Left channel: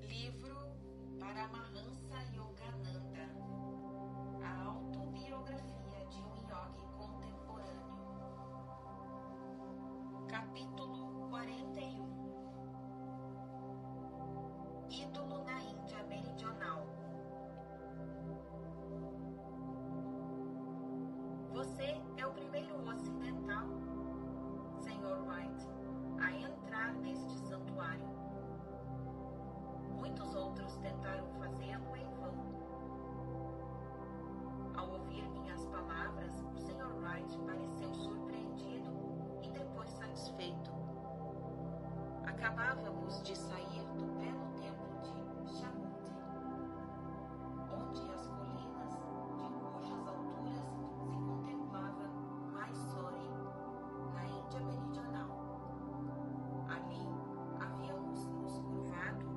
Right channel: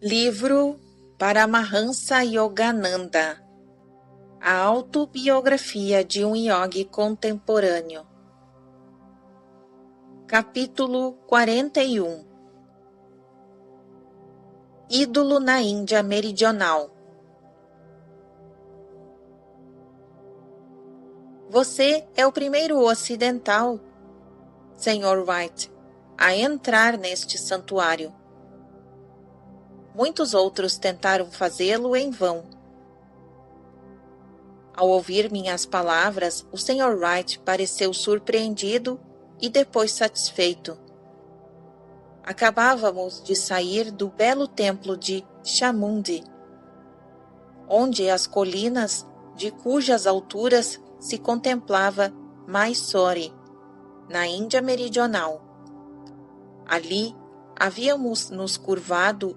Livro Paramahansa Yogananda. A autobiografia de um yogi contemporâneo. Capítulo 41. Ídolo na Índia Meridional. Você é o primeiro ocidental, Sr. Wright, a entrar neste santuário. Muitos outros tentaram fazê-lo em vão. Ao ouvir minhas palavras, o Sr. Wright pareceu surpreendido e depois satisfeito. Acabávamos de sair do belo templo de Chamundi, onde as colinas de cujas alturas se contemplava Mysore, na Índia Meridional. Ali havíamos nos curvado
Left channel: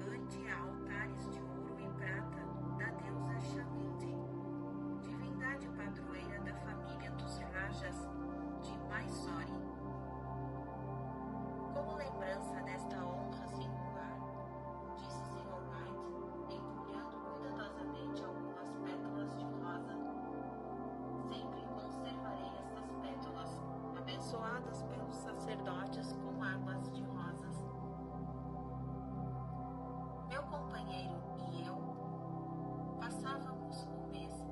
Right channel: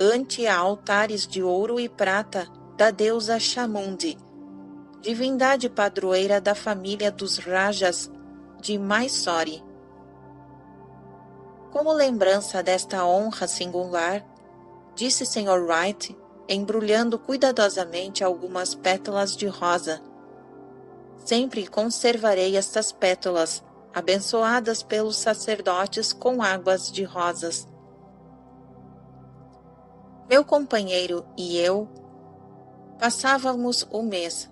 ante altares de ouro e prata da deusa Chamundi, divindade padroeira da família dos Rajas de Mysore. Como lembrança desta honra singular, disse Sr. Wright, embrulhando cuidadosamente algumas pétalas de rosa. Sempre conservarei estas pétalas, abençoadas pelos sacerdotes com águas de rosas. Meu companheiro e eu passávamos o mês.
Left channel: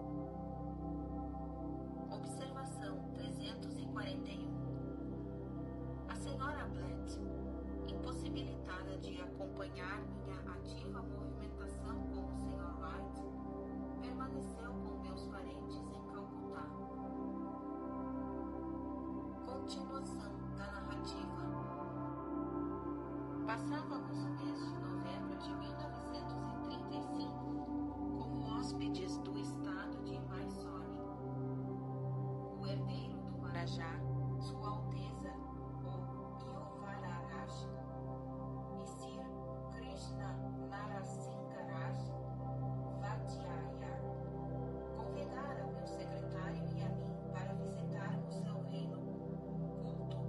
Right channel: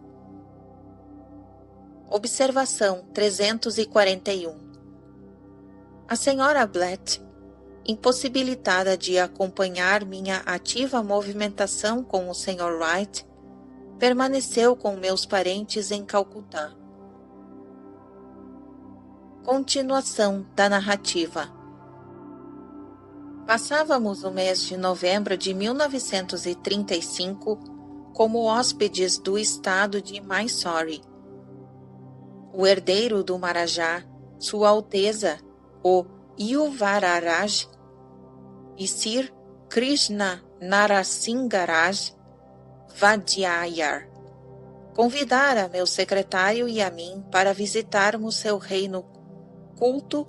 Observação 341. A senhora Blatt, impossibilitada de acompanhar minha ativa movimentação com o Sr. Wright, permaneceu com meus parentes em Calcutá. Continuação da narrativa. Passávamos o mês de novembro de 1935 como hóspedes do estado de Mysore. O herdeiro do Maharaja, Sua Alteza, o Yuvararaj, e Sir Krishna Narasimharaj Vadiyar, convidara meu secretário e a mim para visitarmos seu reino culto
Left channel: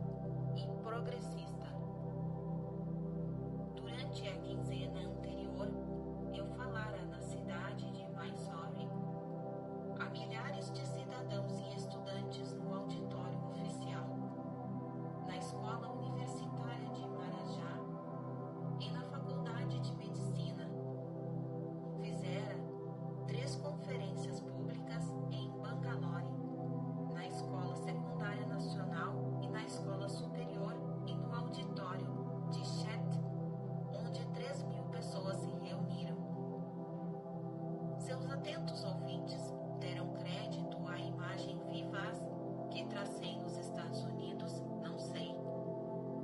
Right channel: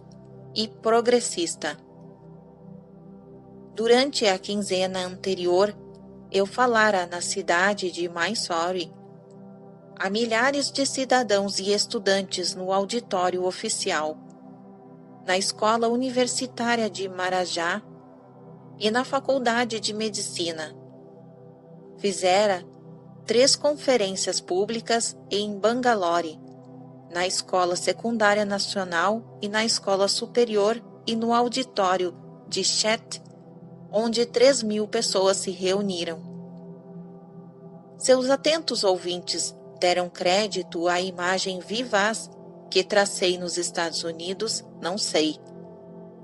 e progressista. Durante a quinzena anterior, eu falara na cidade de Mysore a milhares de cidadãos e estudantes no auditório oficial, na escola universitária de Maharaja e na faculdade de medicina. Fizera 3 conferências públicas em Bangalore, na Escola Secundária Nacional e na Escola Superior e no auditório de Chet, onde 3.000 pessoas se reuniram. Seus atentos ouvintes deram crédito à imagem vivaz que tracei nos Estados Unidos, não sei,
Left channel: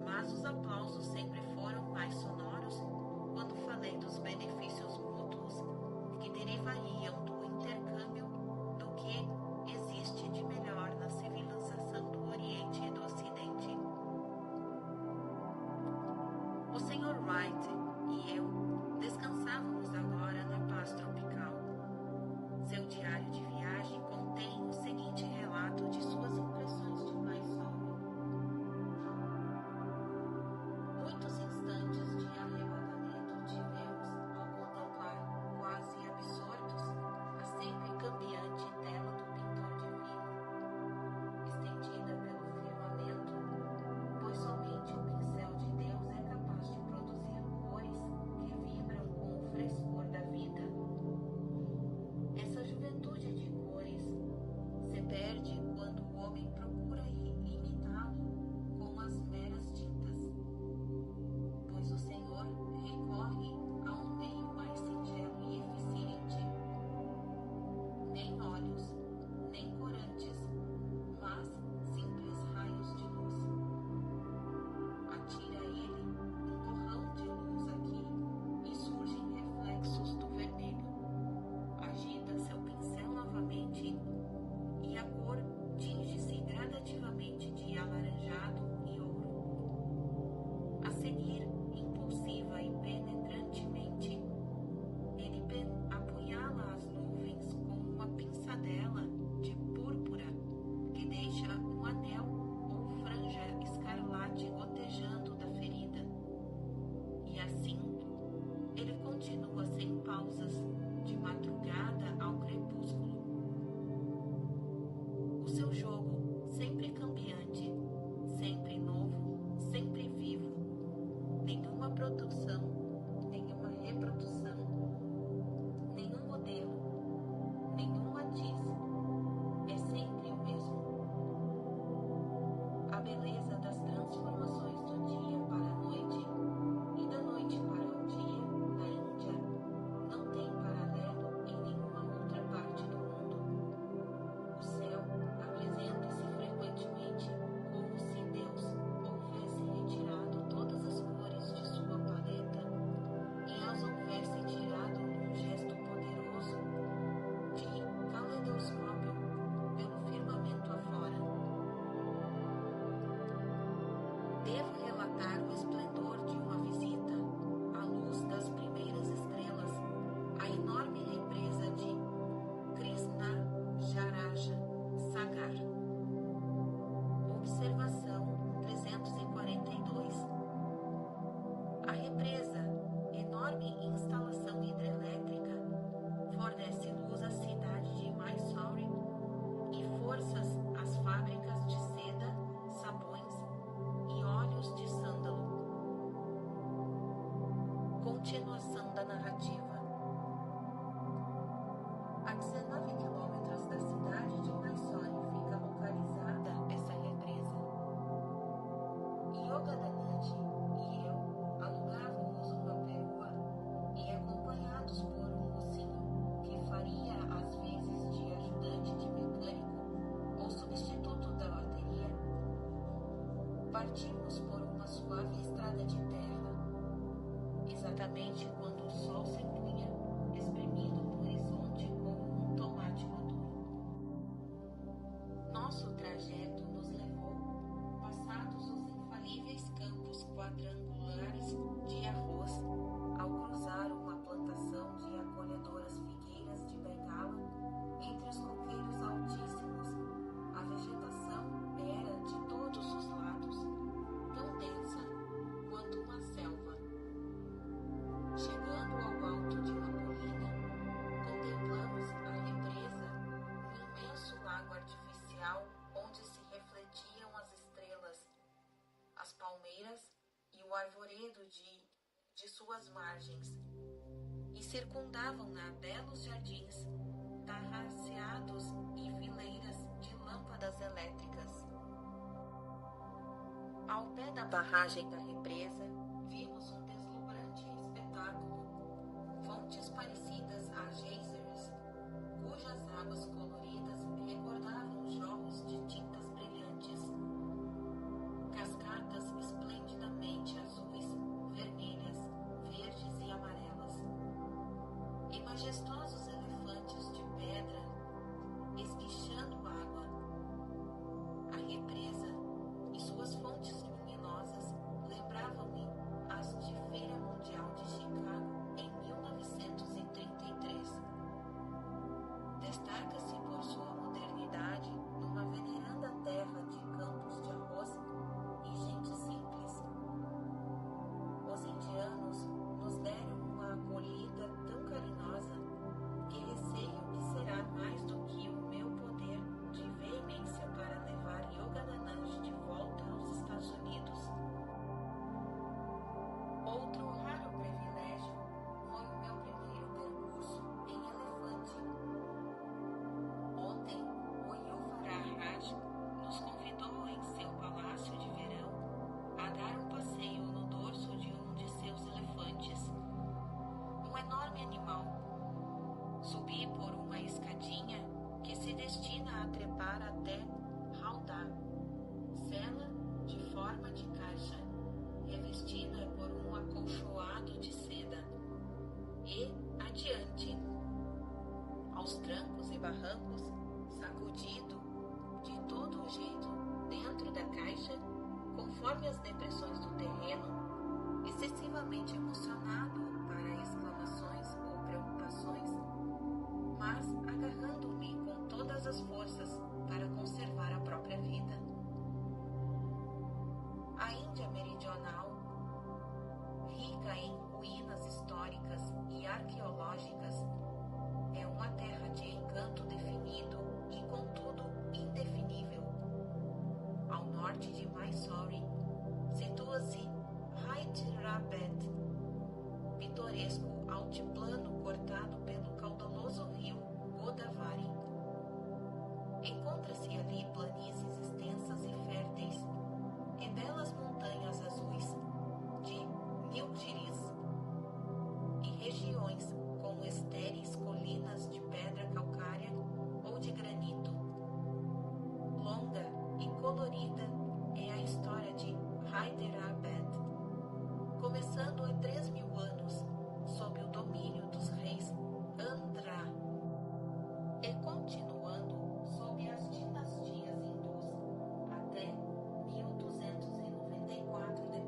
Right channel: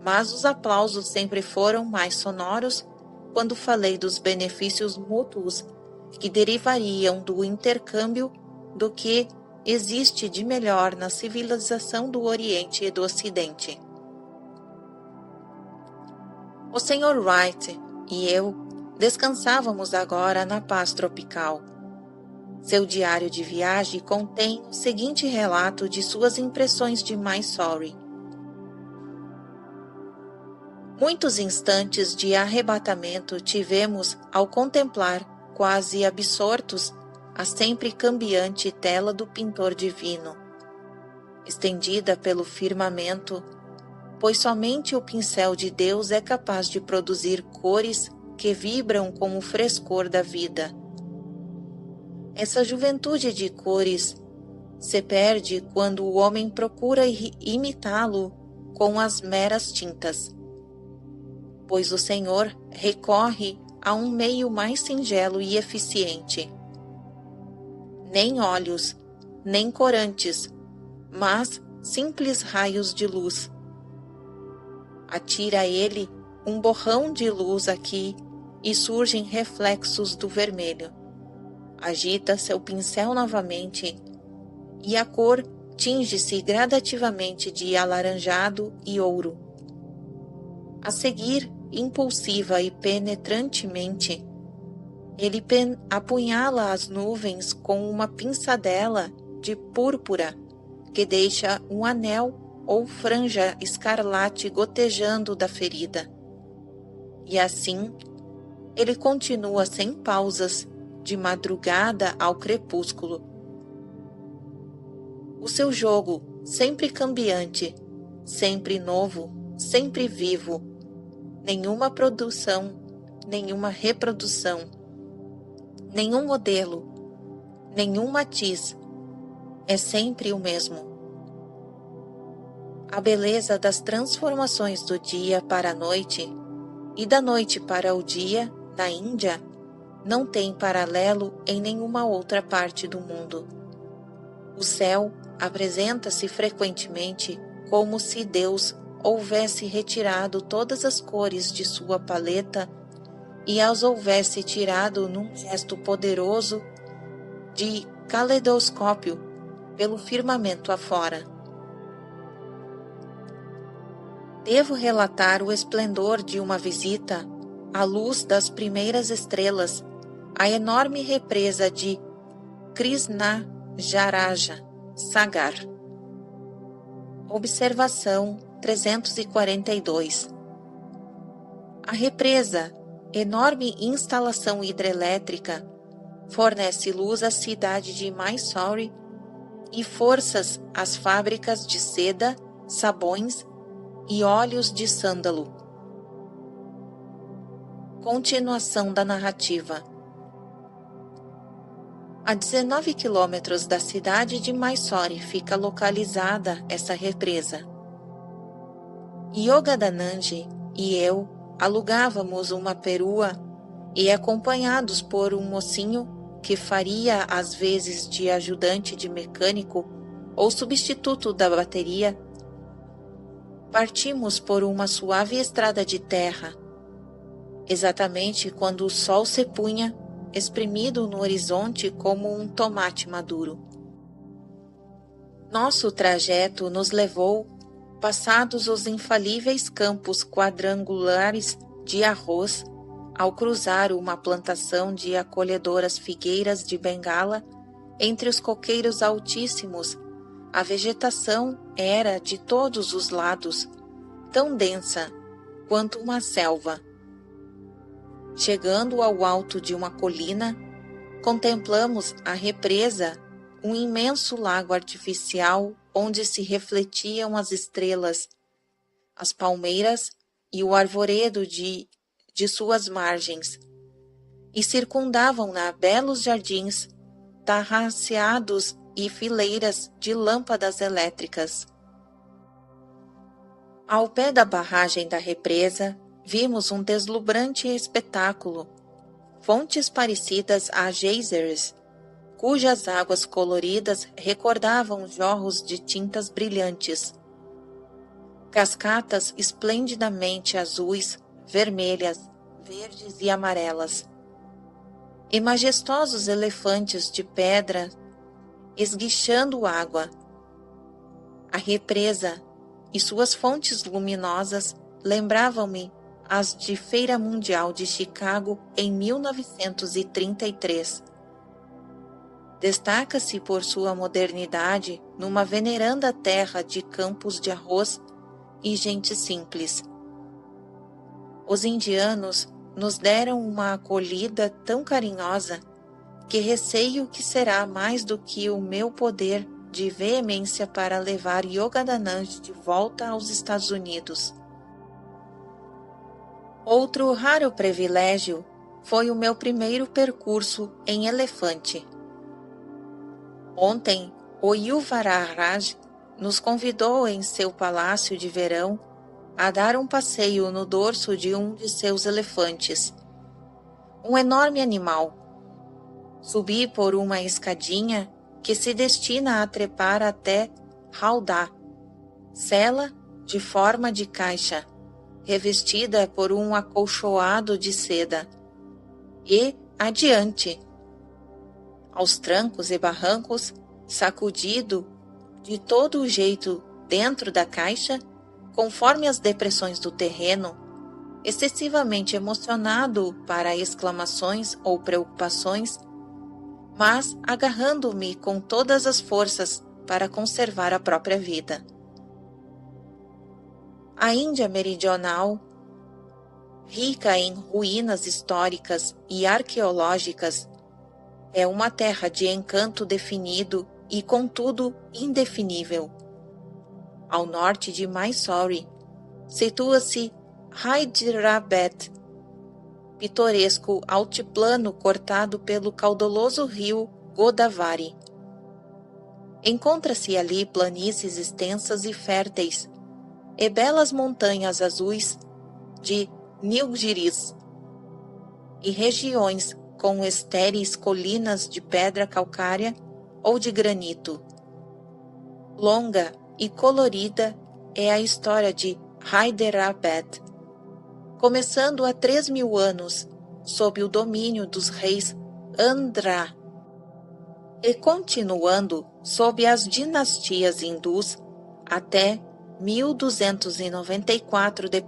mas os aplausos sempre foram mais sonoros quando falei dos benefícios mútuos que derivariam do intercâmbio do que existe de melhor na civilização do Oriente e do Ocidente. O Sr. Wright e eu descansávamos agora na paz tropical. Seu diário de viagem contém o seguinte relato de suas impressões de Mysore. Muitos instantes de arrebatamento tivemos ao contemplar, quase absortos, a sempre cambiante tela do pintor divino, estendida pelo firmamento, pois somente o pincel de Deus é capaz de produzir cores que vibram com o frescor da vida. Essa juventude de cores se perde quando o homem procura imitá-lo com as meras tintas, pois o Senhor recorre a um meio mais singelo e eficiente. Nem óleos, nem corantes, mas simples raios de luz. Atira ele um borrão de luz aqui e surgem reflexos do vermelho. Agita seu pincel novamente e a cor tinge-se gradativamente de alaranjado e ouro. A seguir, impulsiva e penetrantemente, ele apunhala as nuvens com uma pinçadela de púrpura que deixa um anel ou franja escarlate gotejando da ferida. E assim, ele continua sem pausas, de madrugada ao crepúsculo. O seu jogo, sempre cambiante, sempre novo, sempre vivo. Nenhuma produção, nenhuma reprodução, nenhum modelo, nenhum matiz. É sempre o mesmo. A beleza das transformações do dia para a noite e da noite para o dia na Índia não tem paralelo em nenhuma outra parte do mundo. O céu apresenta-se frequentemente como se Deus houvesse retirado todas as cores de sua paleta e as houvesse tirado num gesto poderoso de caleidoscópio pelo firmamento afora. Devo relatar o esplendor de uma visita à luz das primeiras estrelas, à enorme represa de Krishnajaraja Sagar. Observação 342. A represa, enorme instalação hidrelétrica, fornece luz à cidade de Mysore e forças às fábricas de seda, sabões e óleos de sândalo. Continuação da narrativa. A 19 quilômetros da cidade de Mysore fica localizada essa represa. Yogadanand e eu alugávamos uma perua e, acompanhados por um mocinho que faria às vezes de ajudante de mecânico ou substituto da bateria, partimos por uma suave estrada de terra, exatamente quando o sol se punha, espremido no horizonte como um tomate maduro. Nosso trajeto nos levou, passados os infalíveis campos quadrangulares de arroz, ao cruzar uma plantação de acolhedoras figueiras de Bengala, entre os coqueiros altíssimos, a vegetação era de todos os lados, tão densa quanto uma selva. Chegando ao alto de uma colina, contemplamos a represa, um imenso lago artificial onde se refletiam as estrelas, as palmeiras e o arvoredo de suas margens, e circundavam-na belos jardins, tarraceados e fileiras de lâmpadas elétricas. Ao pé da barragem da represa, vimos um deslumbrante espetáculo, fontes parecidas a geysers, cujas águas coloridas recordavam jorros de tintas brilhantes. Cascatas esplendidamente azuis, vermelhas, verdes e amarelas. E majestosos elefantes de pedra esguichando água. A represa e suas fontes luminosas lembravam-me as de Feira Mundial de Chicago em 1933. Destaca-se por sua modernidade numa veneranda terra de campos de arroz e gente simples. Os indianos nos deram uma acolhida tão carinhosa que receio que será mais do que o meu poder de veemência para levar Yogadanand de volta aos Estados Unidos. Outro raro privilégio foi o meu primeiro percurso em elefante. Ontem, o Yuvaraj nos convidou em seu palácio de verão a dar um passeio no dorso de um de seus elefantes. Um enorme animal. Subi por uma escadinha que se destina a trepar até Howdah, cela de forma de caixa, revestida por um acolchoado de seda. E adiante. Aos trancos e barrancos, sacudido de todo o jeito dentro da caixa, conforme as depressões do terreno, excessivamente emocionado para exclamações ou preocupações, mas agarrando-me com todas as forças para conservar a própria vida. A Índia meridional rica em ruínas históricas e arqueológicas, é uma terra de encanto definido e, contudo, indefinível. Ao norte de Mysore, situa-se Hyderabad, pitoresco altiplano cortado pelo caudaloso rio Godavari. Encontra-se ali planícies extensas e férteis, e belas montanhas azuis de Nilgiris, e regiões com estéreis colinas de pedra calcária ou de granito. Longa e colorida é a história de Hyderabad, começando há 3.000 anos, sob o domínio dos reis Andhra, e continuando sob as dinastias hindus até 1294 d.C.,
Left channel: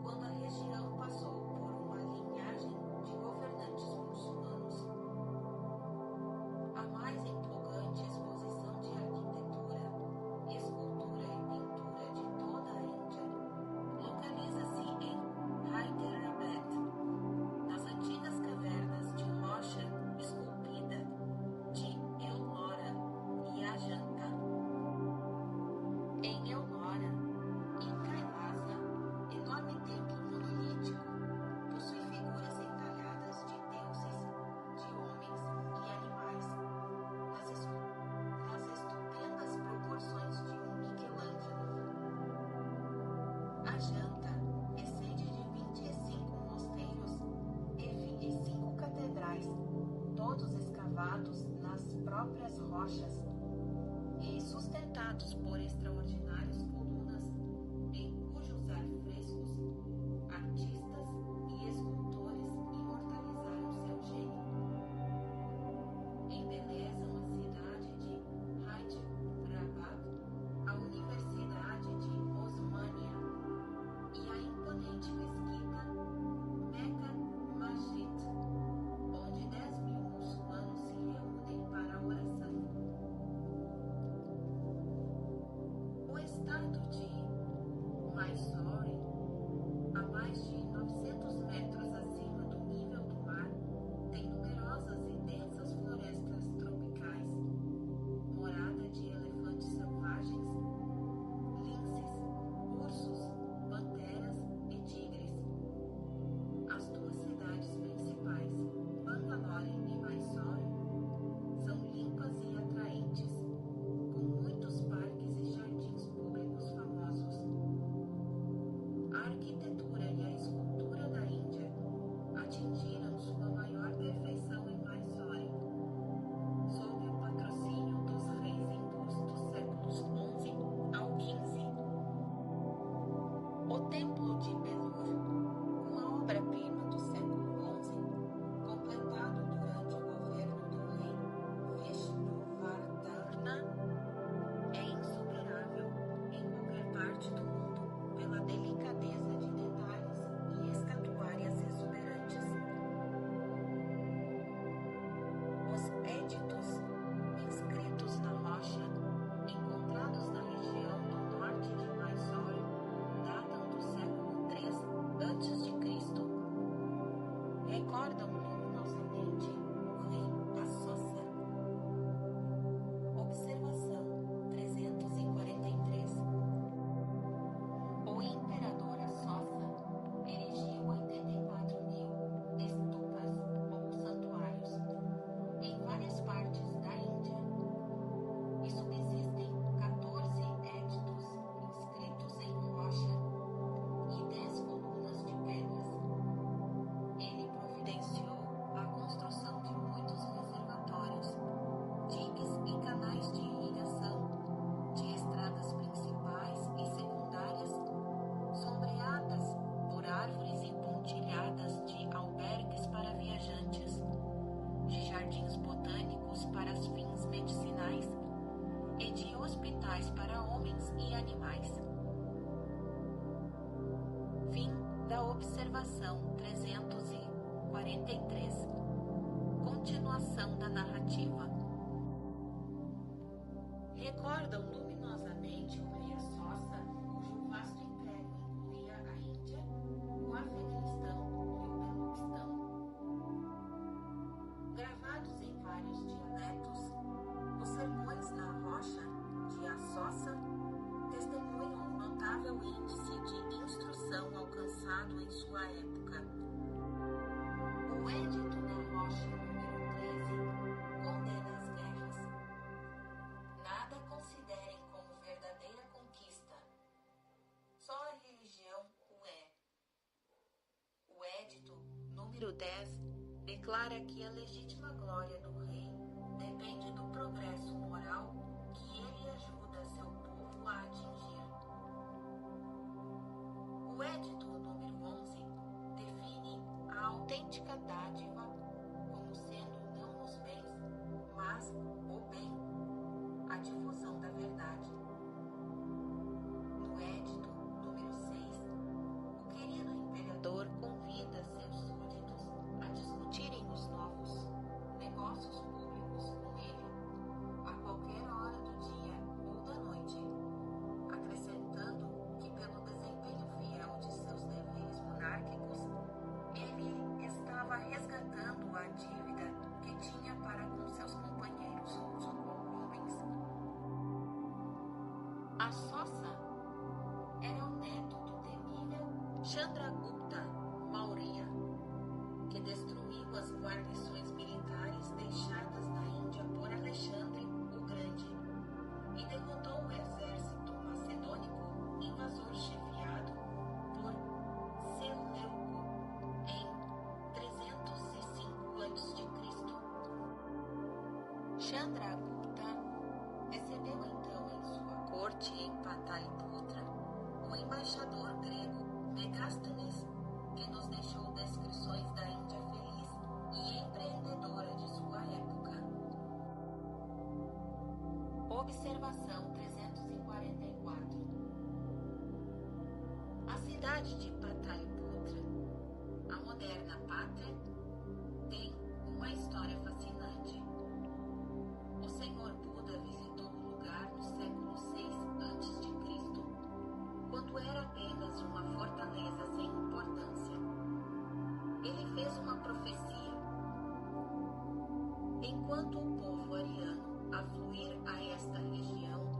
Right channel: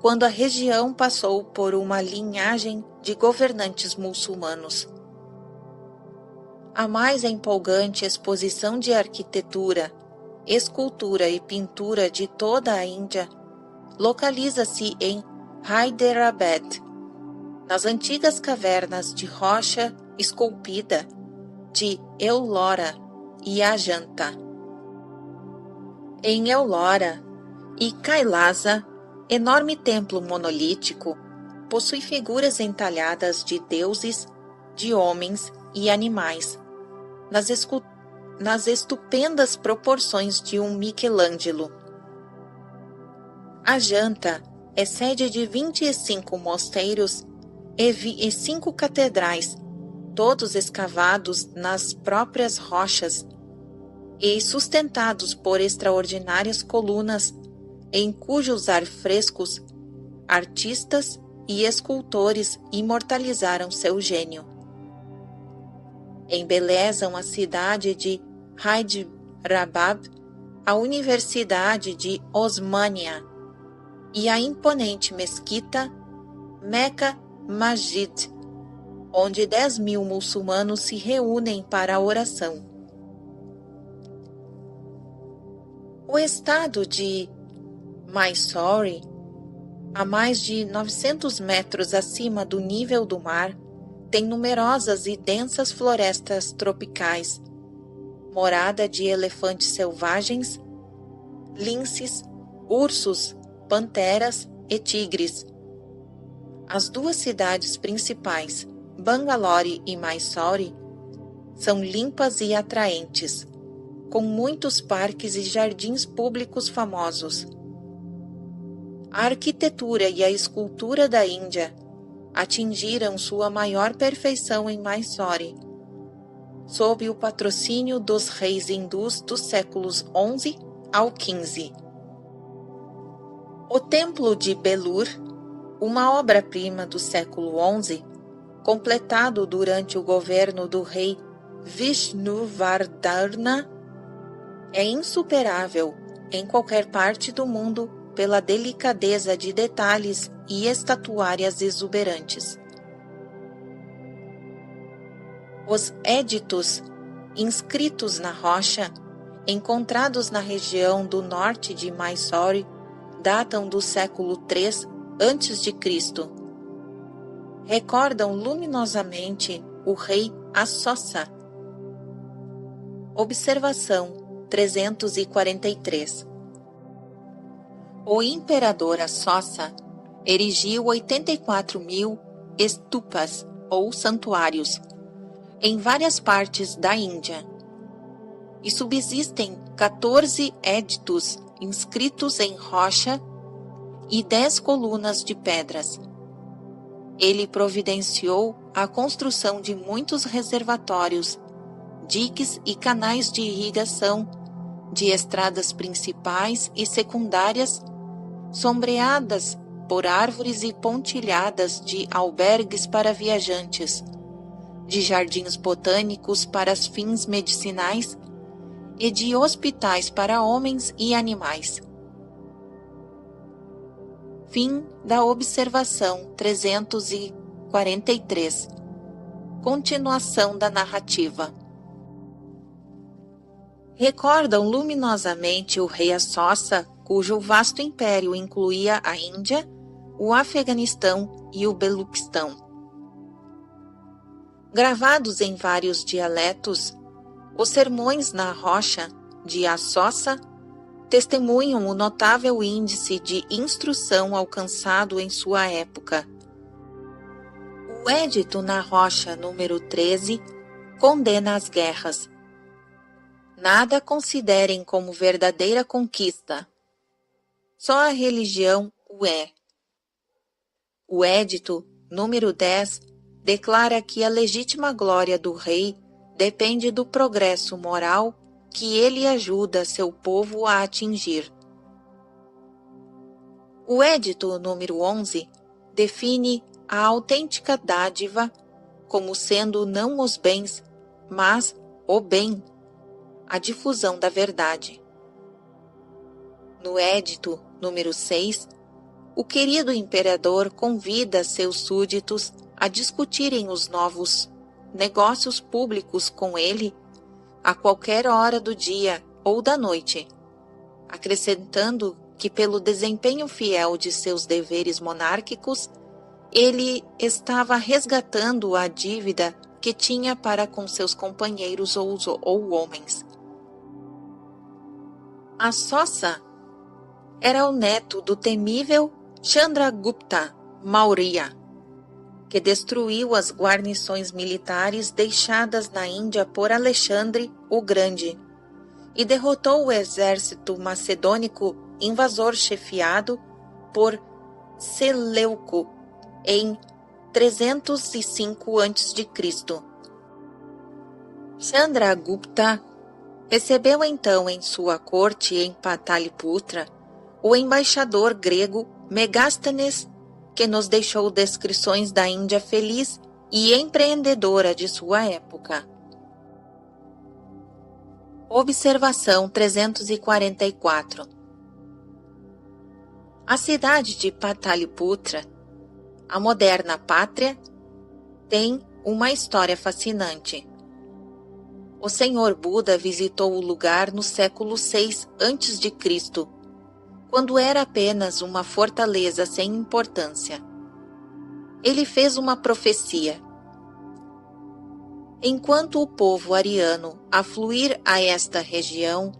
quando a região passou por uma linhagem de governantes muçulmanos. A mais empolgante exposição de arquitetura, escultura e pintura de toda a Índia localiza-se em Hyderabad, nas antigas cavernas de rocha esculpida de Ellora e Ajanta. Em Ellora e Kailasa, enorme templo monolítico, possui figuras entalhadas de deuses, de homens e animais, nas estupendas proporções de um Michelangelo. Ajanta é sede de 25 mosteiros e 5 catedrais, todos escavados nas próprias rochas e sustentados por extraordinárias colunas, em cujos afrescos artistas e escultores imortalizaram seu gênio. Embelezam a cidade de Hyderabad, a Universidade de Osmania e a imponente mesquita Mecca Masjid, onde 10.000 muçulmanos se reúnem para a oração. O estado de Mysore, a mais de 900 metros acima do nível do mar, tem numerosas e densas florestas tropicais, morada de elefantes selvagens, linces, ursos, panteras e tigres. As duas cidades principais, Bangalore e Mysore, são limpas e atraentes, com muitos parques e jardins públicos famosos. A arquitetura e a escultura da Índia atingiram sua maior perfeição em Mysore, sob o patrocínio dos reis hindus dos séculos XI ao XV. O Templo de Belur, uma obra-prima do século XI, completado durante o governo do rei Vishnuvardhana, é insuperável em qualquer parte do mundo pela delicadeza de detalhes e estatuárias exuberantes. Os éditos inscritos na rocha, encontrados na região do norte de Mysore, datam do século III a.C. Recordam luminosamente o rei Ashoka. Observação 343. O imperador Ashoka erigiu 84.000 stupas, ou santuários, em várias partes da Índia, e subsistem 14 éditos inscritos em rocha e 10 colunas de pedras. Ele providenciou a construção de muitos reservatórios, diques e canais de irrigação, de estradas principais e secundárias, sombreadas por árvores e pontilhadas de albergues para viajantes, de jardins botânicos para fins medicinais e de hospitais para homens e animais. Fim da observação 343. Continuação da narrativa. Recordam luminosamente o rei Ashoka, cujo vasto império incluía a Índia, o Afeganistão e o Beluquistão. Gravados em vários dialetos, os Sermões na Rocha, de Assossa, testemunham o notável índice de instrução alcançado em sua época. O Edito na Rocha número 13 condena as guerras. Nada considerem como verdadeira conquista. Só a religião o é. O Edito número 10 declara que a legítima glória do rei depende do progresso moral que ele ajuda seu povo a atingir. O Edito número 11 define a autêntica dádiva como sendo não os bens, mas o bem, a difusão da verdade. No Edito número 6, o querido imperador convida seus súditos a discutirem os novos negócios públicos com ele a qualquer hora do dia ou da noite, acrescentando que pelo desempenho fiel de seus deveres monárquicos, ele estava resgatando a dívida que tinha para com seus companheiros ou homens. Assossa era o neto do temível Chandragupta Maurya, que destruiu as guarnições militares deixadas na Índia por Alexandre o Grande e derrotou o exército macedônico invasor chefiado por Seleuco em 305 a.C. Chandragupta recebeu então em sua corte em Pataliputra o embaixador grego Megasthenes, que nos deixou descrições da Índia feliz e empreendedora de sua época. Observação 344. A cidade de Pataliputra, a moderna pátria, tem uma história fascinante. O Senhor Buda visitou o lugar no século VI a.C., quando era apenas uma fortaleza sem importância. Ele fez uma profecia. Enquanto o povo ariano afluir a esta região,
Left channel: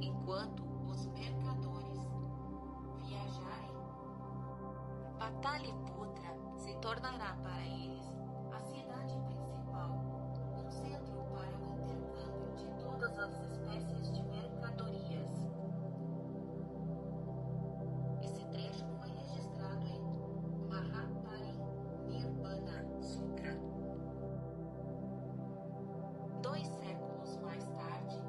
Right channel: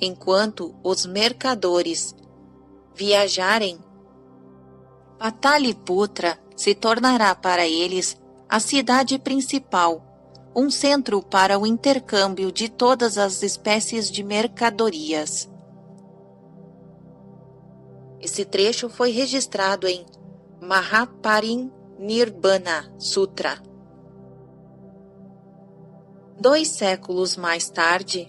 enquanto os mercadores viajarem, Pataliputra se tornará para eles a cidade principal, um centro para o intercâmbio de todas as espécies de mercadorias. Esse trecho foi registrado em Mahaparinirvana Sutra. 2 séculos mais tarde,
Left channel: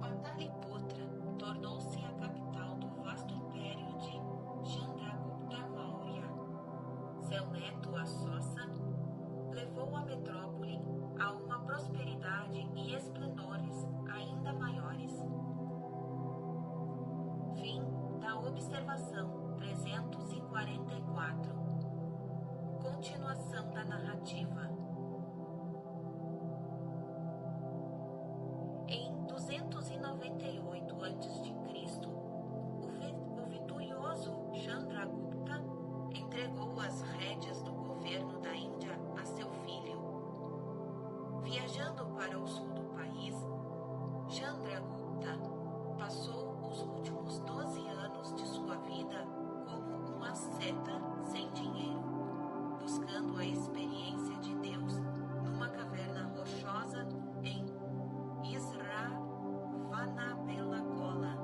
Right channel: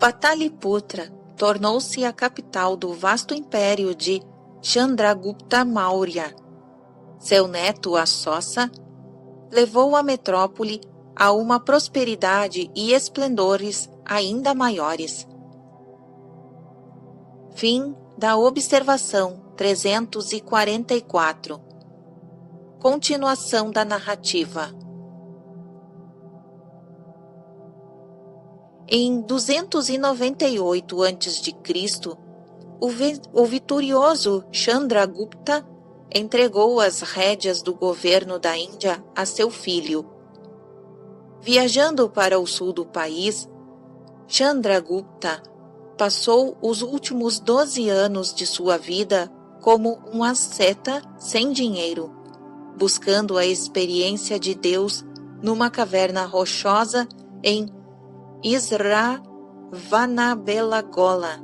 Pataliputra tornou-se a capital do vasto império de Chandragupta Maurya. Seu neto Assossa levou a metrópole a uma prosperidade e esplendores ainda maiores. Fim da observação 344. Continuação da narrativa. Em 298 a.C., o vitorioso Chandragupta entregou as rédeas do governo da Índia a seu filho. Viajando para o sul do país, Chandragupta passou os últimos 12 anos de sua vida como um asceta sem dinheiro, buscando a experiência de Deus numa caverna rochosa em Isravanabellagola,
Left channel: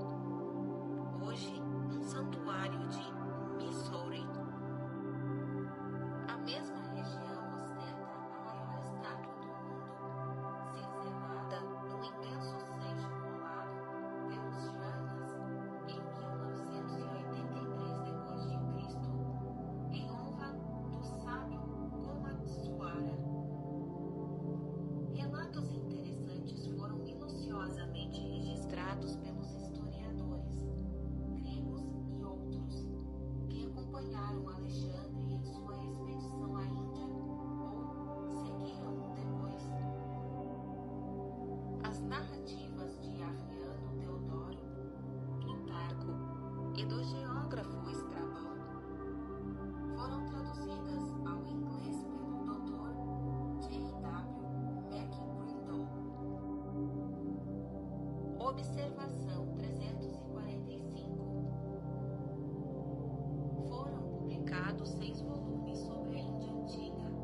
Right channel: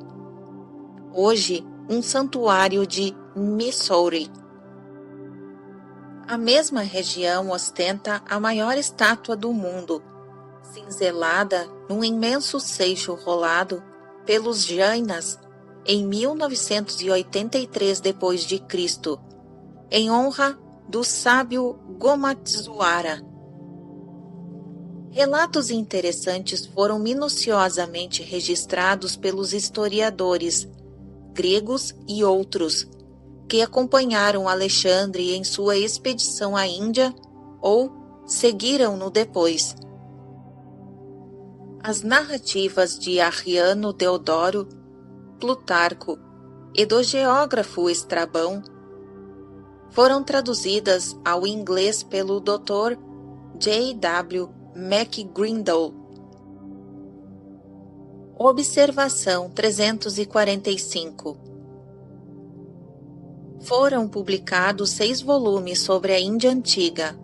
hoje um santuário de Mysore. A mesma região ostenta a maior estátua do mundo, cinzelada num imenso seixo rolado pelos Jainas em 1983 d.C., em honra do sábio Gomatswara. Relatos interessantes foram minuciosamente registrados pelos historiadores gregos e outros que acompanharam Alexandre em sua expedição à Índia ou seguiram-no depois. As narrativas de Arriano Deodoro, Plutarco e do geógrafo Estrabão foram traduzidas ao inglês pelo Dr. J. W. McGrindle. Observação 345. Foram publicados 6 volumes sobre a Índia Antiga,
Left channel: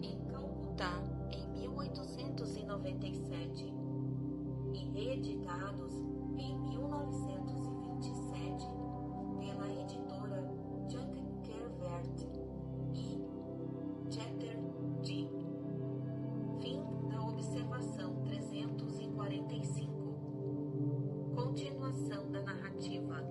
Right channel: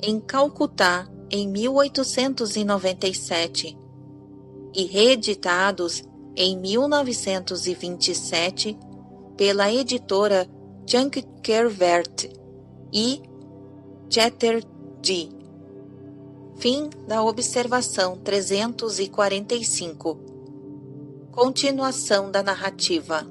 em Calcutá, em 1897, e reeditados em 1927 pela editora Chankkervert e Chatterjee. Fim da observação 345. Continuação da narrativa.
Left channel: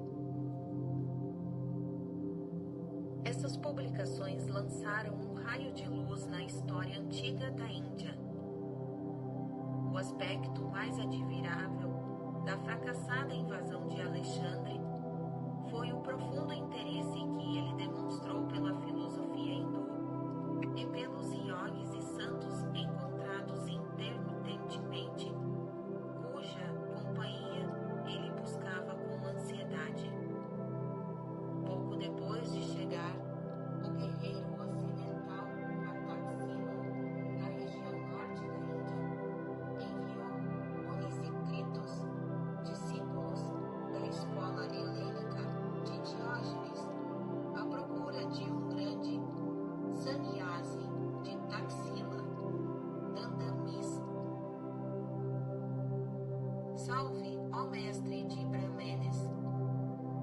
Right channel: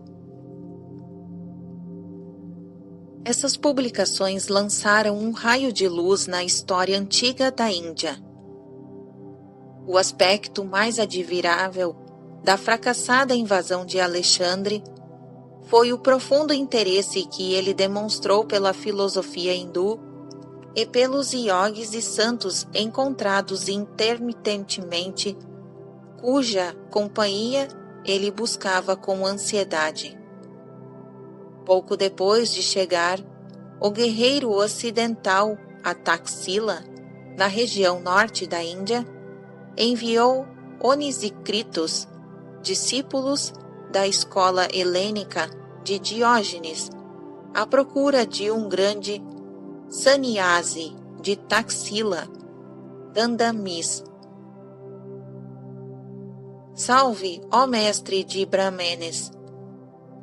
Essas publicações lançaram um raio de luz na história antiga da Índia. O aspecto mais admirável da fracassada invasão de Alexandre foi o profundo interesse que ele demonstrou pela filosofia hindu e pelos iogues e santos encontrados intermitentemente, cuja companhia ele buscava com ansiedade. Pouco depois de chegar, o guerreiro ocidental a Taxila, na região norte da Índia, enviou Onisícritos, discípulos da escola helênica de Diógenes, à procura de um grande sannyasi de Taxila, Dandamis. Salve, ó mestre de Brahmenes,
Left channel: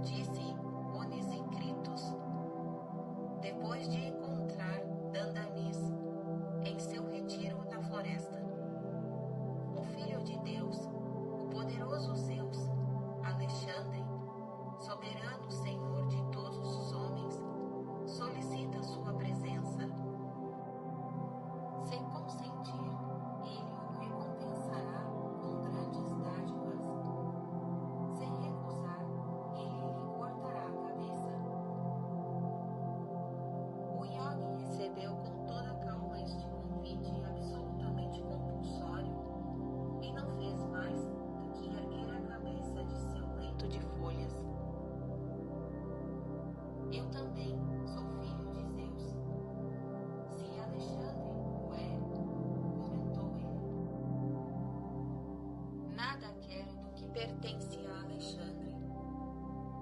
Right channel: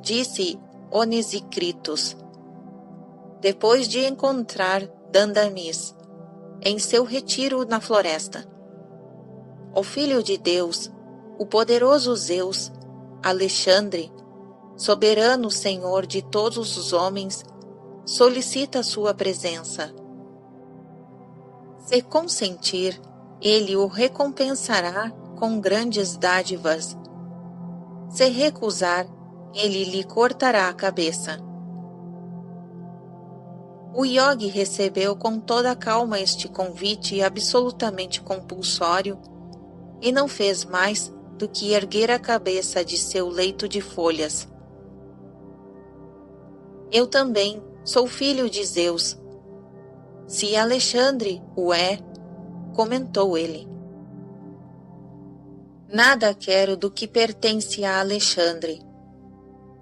disse Onisícritos, depois de encontrar Dandamis em seu retiro na floresta. O Filho de Deus, o poderoso Zeus, Alexandre, soberano Senhor de todos os homens, solicita sua presença. Se consentir, ele o recompensará com grandes dádivas. Se recusar, ele lhe cortará a cabeça. O yogi recebeu com toda a calma este convite absolutamente compulsório e não fez mais do que erguer a cabeça de seu leito de folhas. Eu também sou filho de Zeus. Se Alexandre o é, comentou ele. Nada quero do que pertence a Alexandre,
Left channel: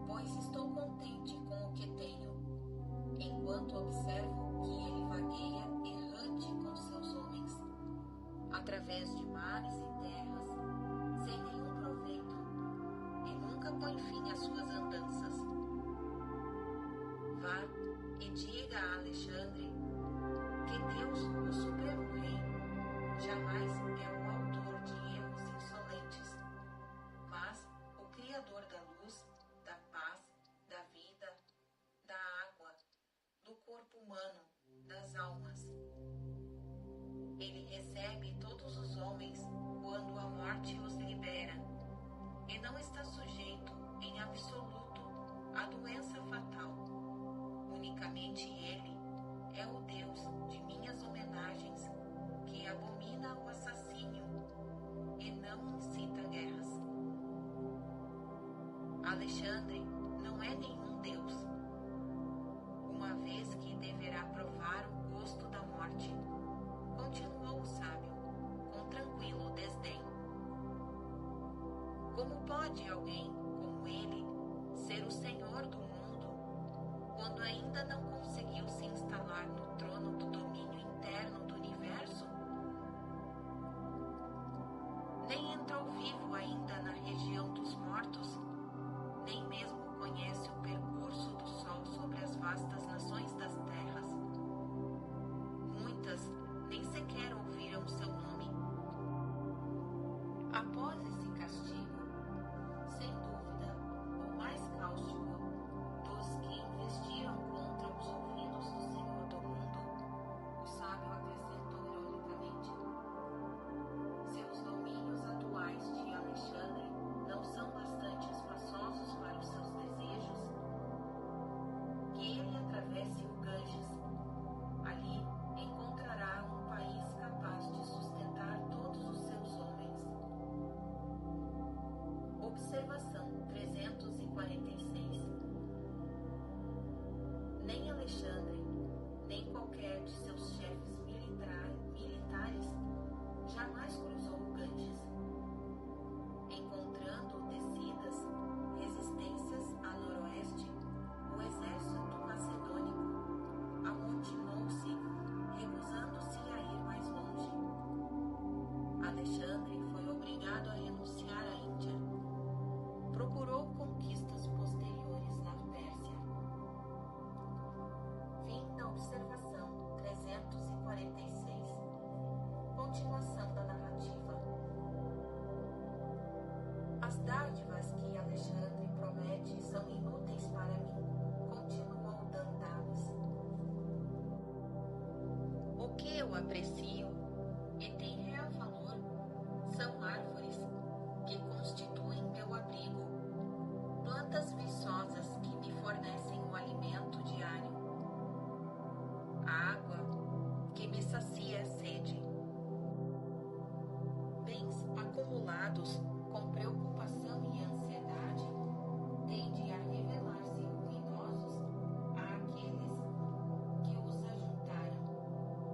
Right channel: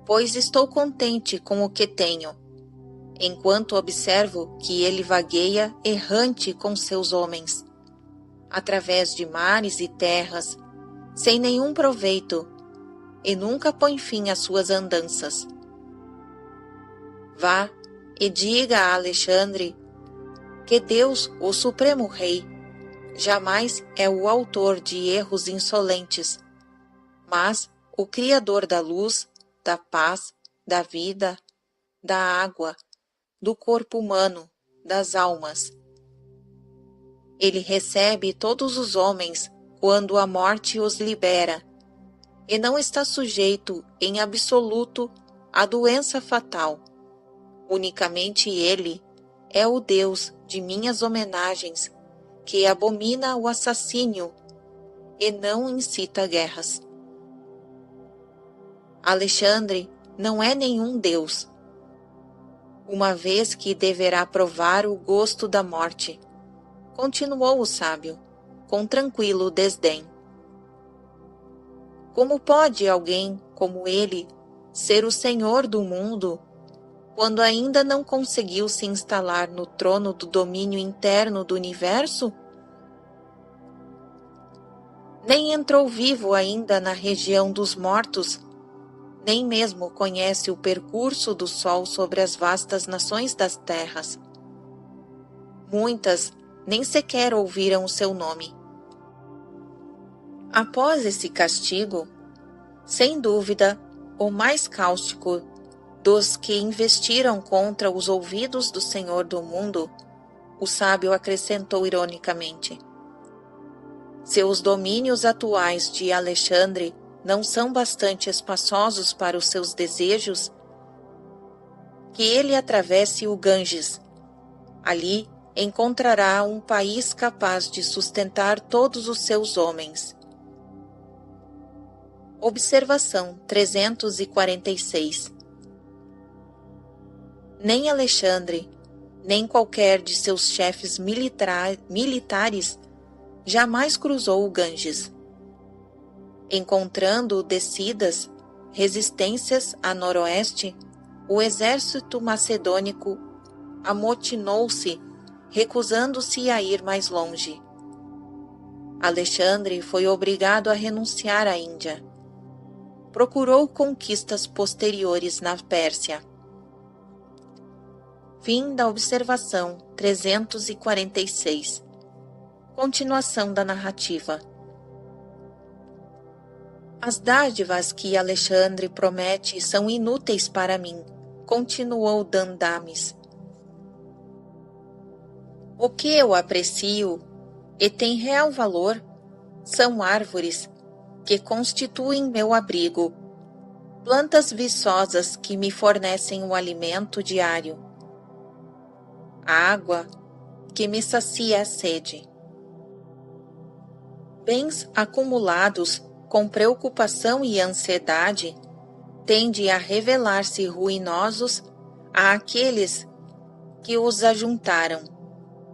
pois estou contente com o que tenho, enquanto observo que ele vagueia errante com seus homens, através de mares e terras, sem nenhum proveito, e nunca põe fim às suas andanças. Vá e diga a Alexandre que Deus, o Supremo Rei, jamais é o autor de erros insolentes, mas o Criador da luz, da paz, da vida, da água, do corpo humano, das almas. Ele recebe todos os homens quando a morte os libera, e não está sujeito em absoluto à doença fatal. Unicamente ele é o Deus de minhas homenagens, que abomina o assassínio e não incita guerras. Alexandre não é nenhum Deus, uma vez que deverá provar o gosto da morte, continuou o sábio, com tranquilo desdém. Como pode alguém como ele ser o senhor do mundo quando ainda não conseguiu se instalar no trono do domínio interno do universo? Nem entrou vivo ainda na região dos mortos, nem mesmo conhece o percurso do sol sobre as vastas nações das terras. Muitas nem sequer ouviram o seu nome. Após esse castigo, sem dúvida, o mais cáustico dos que investiram contra os ouvidos do Senhor do mundo, o sábio acrescentou ironicamente: se os domínios atuais de Alexandre não são bastante espaçosos para os seus desejos, que ele atravesse o Ganges. Ali encontrará um país capaz de sustentar todos os seus homens. Observação 346. Nem Alexandre, nem qualquer de seus chefes militares jamais cruzou o Ganges. Encontrando descidas, resistências a noroeste, o exército macedônico amotinou-se, recusando-se a ir mais longe. Alexandre foi obrigado a renunciar à Índia. Procurou conquistas posteriores na Pérsia. Fim da observação 346. Continuação da narrativa. As dádivas que Alexandre promete são inúteis para mim, continuou Dandamis. O que eu aprecio e tem real valor são árvores que constituem meu abrigo, plantas viçosas que me fornecem o alimento diário, a água que me sacia a sede. Bens acumulados com preocupação e ansiedade tendem a revelar-se ruinosos àqueles que os ajuntaram,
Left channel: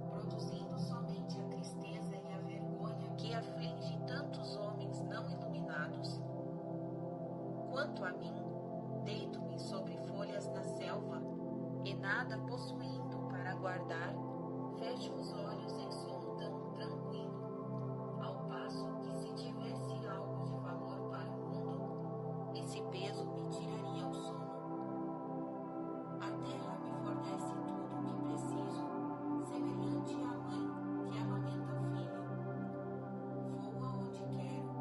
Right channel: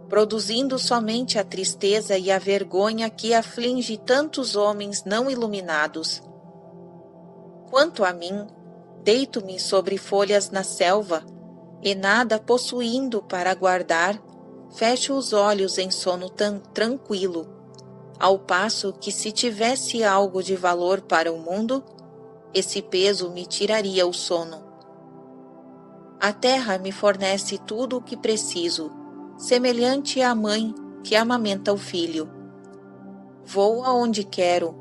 produzindo somente a tristeza e a vergonha que aflige tantos homens não iluminados. Quanto a mim, deito-me sobre folhas na selva, e nada possuindo para guardar, fecho os olhos em sono tranquilo, ao passo que se tivesse algo de valor para o mundo, esse peso me tiraria o sono. A terra me fornece tudo o que preciso, semelhante à mãe que amamenta o filho. Vou aonde quero,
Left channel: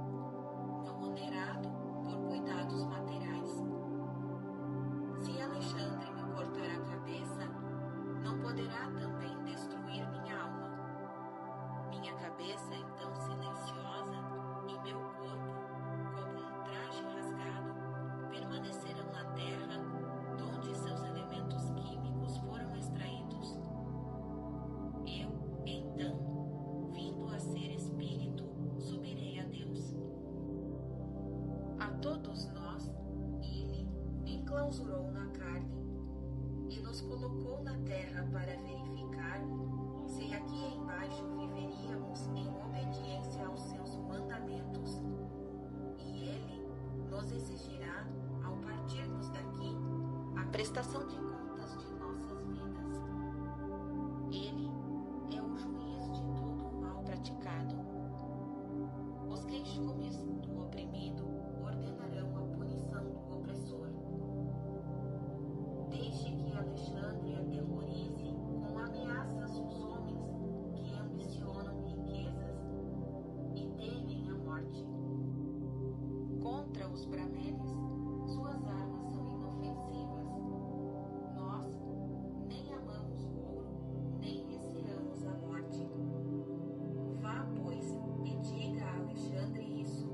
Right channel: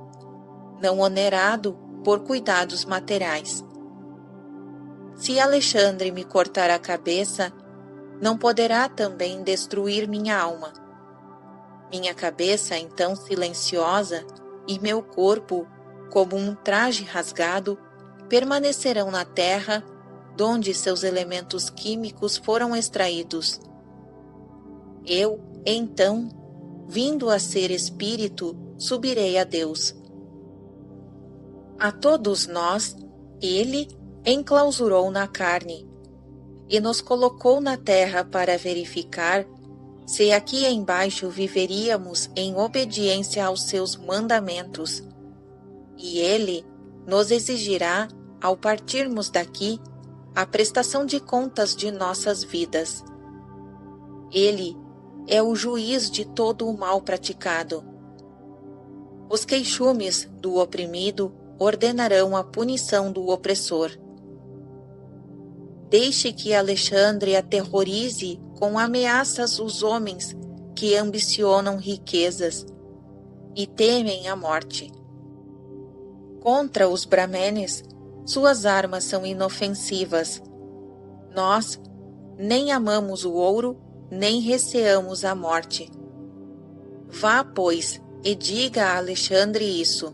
não onerado por cuidados materiais. Se Alexandre me cortar a cabeça, não poderá também destruir minha alma. Minha cabeça, então silenciosa, e meu corpo, como um traje rasgado, permanecerão na terra, donde seus elementos químicos foram extraídos. Eu, então, vindo a ser espírito, subirei a Deus. A todos nós, Ele enclausurou na carne e nos colocou na terra para verificar se aqui embaixo viveríamos em obediência aos seus mandamentos. E Ele nos exigirá, ao partirmos daqui, a prestação de contas de nossas vidas. Ele é o juiz de todo o mal praticado. Os queixumes do oprimido ordenarão a punição do opressor. Deixe que Alexandre aterrorize com ameaças os homens que ambicionam riquezas e temem a morte. Contra os brahmanes, suas armas são inofensivas. Nós nem amamos o ouro, nem receamos a morte. Vá, pois, e diga a Alexandre isso.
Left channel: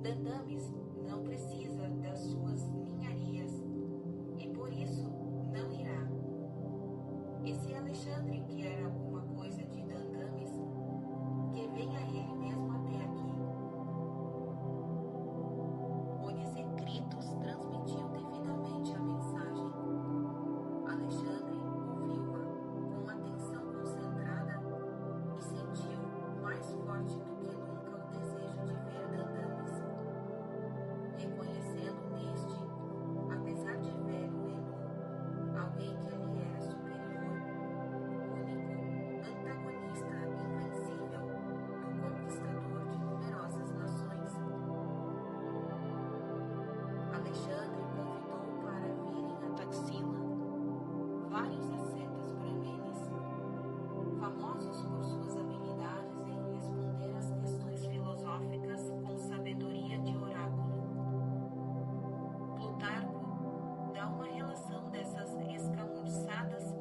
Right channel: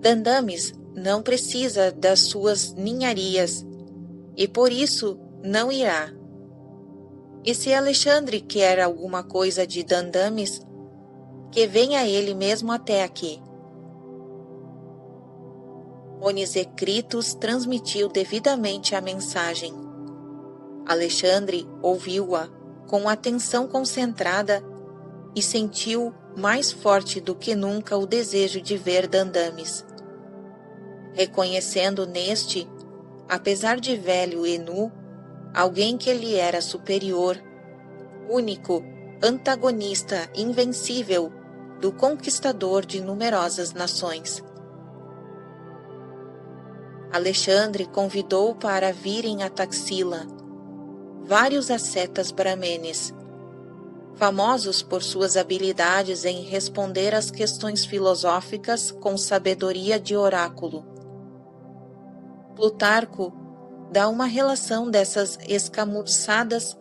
Dandamis não precisa das suas ninharias, e por isso não irá. E se Alexandre quer alguma coisa de Dandamis, que venha ele mesmo até aqui. Onisecritus transmitiu devidamente a mensagem. Alexandre ouviu-a com atenção concentrada e sentiu mais forte do que nunca o desejo de ver Dandamis. Reconhecendo neste, apesar de velho e nu, alguém que lhe era superior, único, antagonista invencível do conquistador de numerosas nações. Alexandre convidou para virem a Taxila vários ascetas brahmenes, famosos por suas habilidades em responder às questões filosóficas com sabedoria de oráculo. Plutarco dá uma relação dessas escamuçadas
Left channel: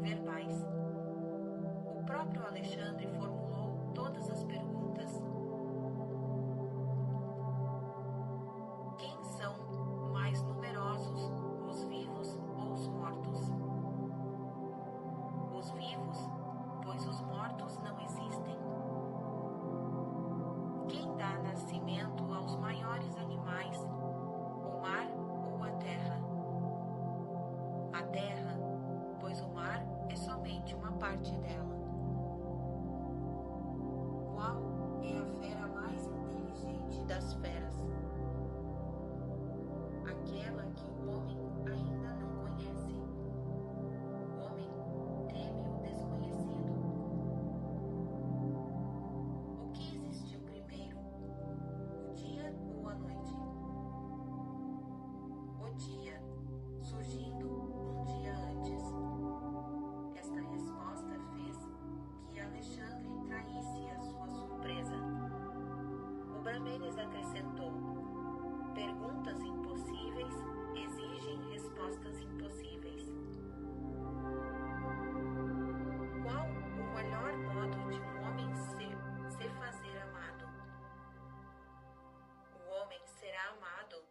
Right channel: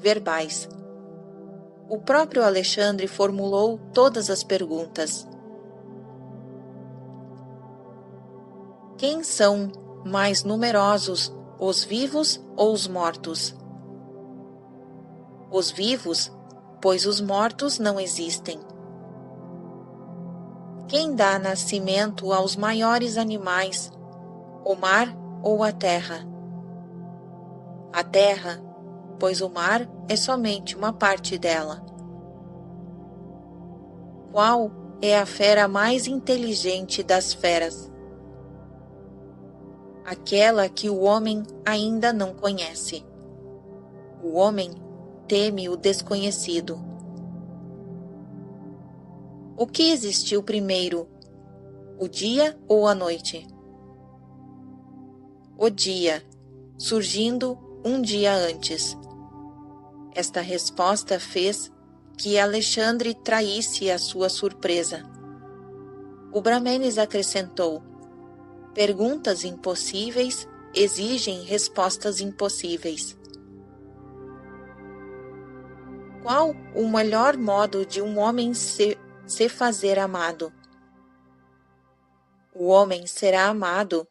verbais. O próprio Alexandre formulou todas as perguntas. Quem são mais numerosos, os vivos ou os mortos? Os vivos, pois os mortos não existem. Quem dá nascimento aos maiores animais, o mar ou a terra? a terra, pois o mar é somente uma parte dela. Qual é a fera mais inteligente das feras? Aquela que o homem ainda não conhece. O homem teme o desconhecido. O que existiu primeiro, o dia ou a noite? O dia, surgindo um dia antes. Esta resposta fez que Alexandre traísse a sua surpresa. O Brahmenes acrescentou: perguntas impossíveis exigem respostas impossíveis. Qual o melhor modo de um homem se fazer amado? O homem será amado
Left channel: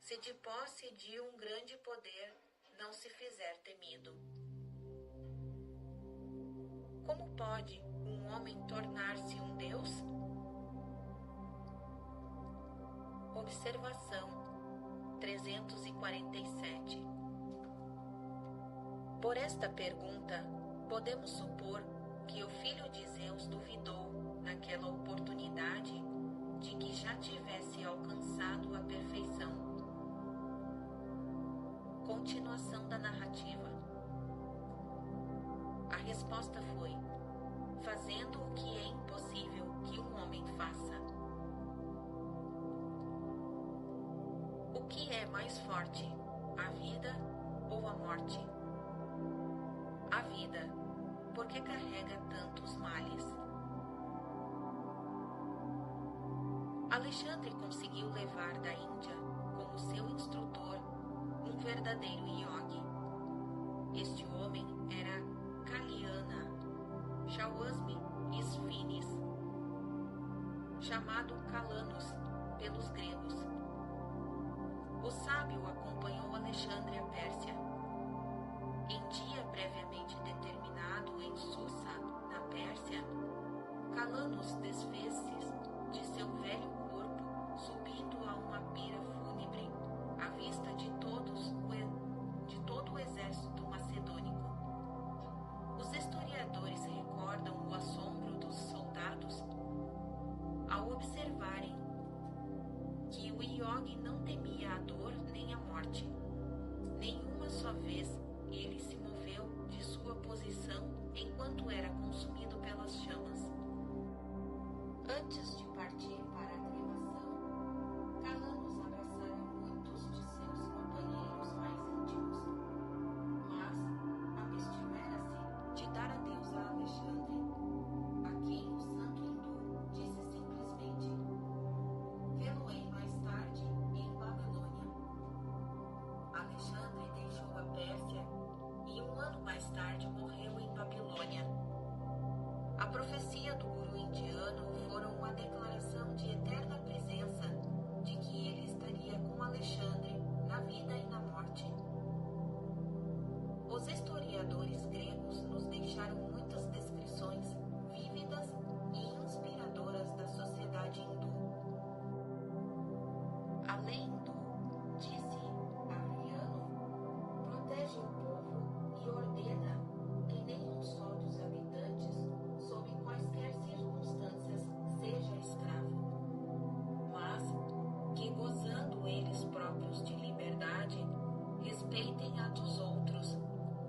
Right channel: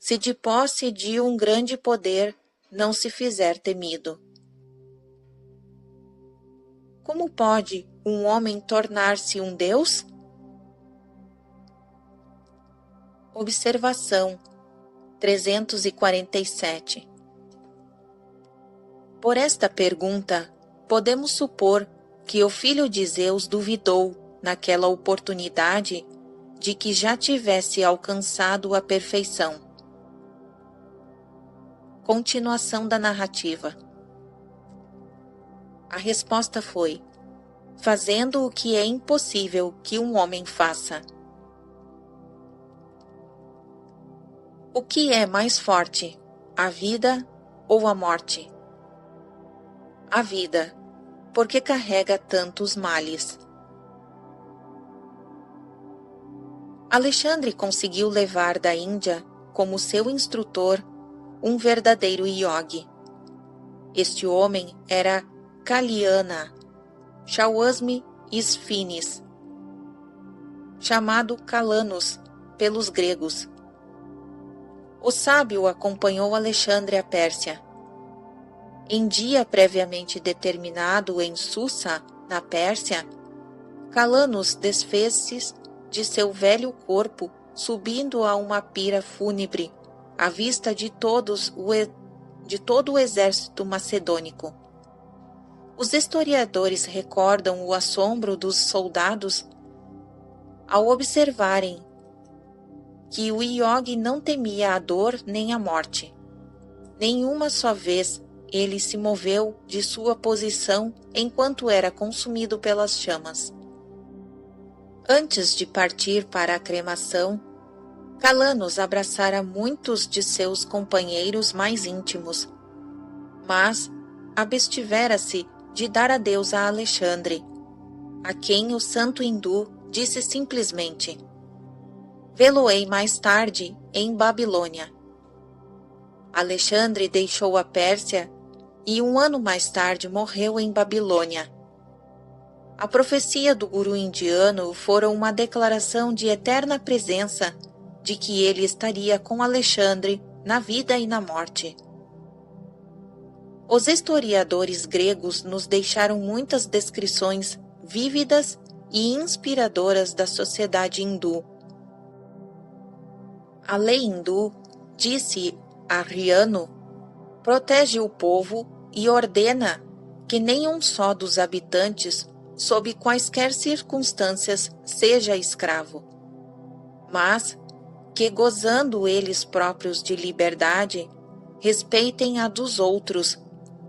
se de posse de um grande poder não se fizer temido. Como pode um homem tornar-se um Deus? Observação 347. Por esta pergunta, podemos supor que o filho de Zeus duvidou, naquela oportunidade, de que já tivesse alcançado a perfeição. Continuação da narrativa. A resposta foi: fazendo o que é impossível que um homem faça. O que é mais forte, a vida ou a morte? A vida, porque carrega tantos males. Alexandre conseguiu levar da Índia, como seu instrutor, um verdadeiro yogi. Este homem era Kalyana Shawasmi Isfinis, chamado Calanus pelos gregos. O sábio acompanhou Alexandre à Pérsia. Em dia previamente determinado em Susa, na Pérsia, Calanus desfez-se de seu velho corpo, subindo a uma pira fúnebre, à vista de todo o exército macedônico. Os historiadores recordam o assombro dos soldados ao observarem que o yogi não temia a dor nem a morte. Nenhuma só vez ele se moveu de sua posição enquanto era consumido pelas chamas. Antes de partir para a cremação, Calanus abraçara muitos de seus companheiros mais íntimos, mas abstivera-se de dar adeus a Alexandre, a quem o santo hindu disse simplesmente: vê-lo-ei mais tarde em Babilônia. Alexandre deixou a Pérsia e 1 ano mais tarde morreu em Babilônia. A profecia do guru indiano fora uma declaração de eterna presença de que ele estaria com Alexandre na vida e na morte. Os historiadores gregos nos deixaram muitas descrições vívidas e inspiradoras da sociedade hindu. A lei hindu, disse Arriano, protege o povo e ordena que nenhum só dos habitantes, sob quaisquer circunstâncias, seja escravo, mas que, gozando eles próprios de liberdade, respeitem a dos outros,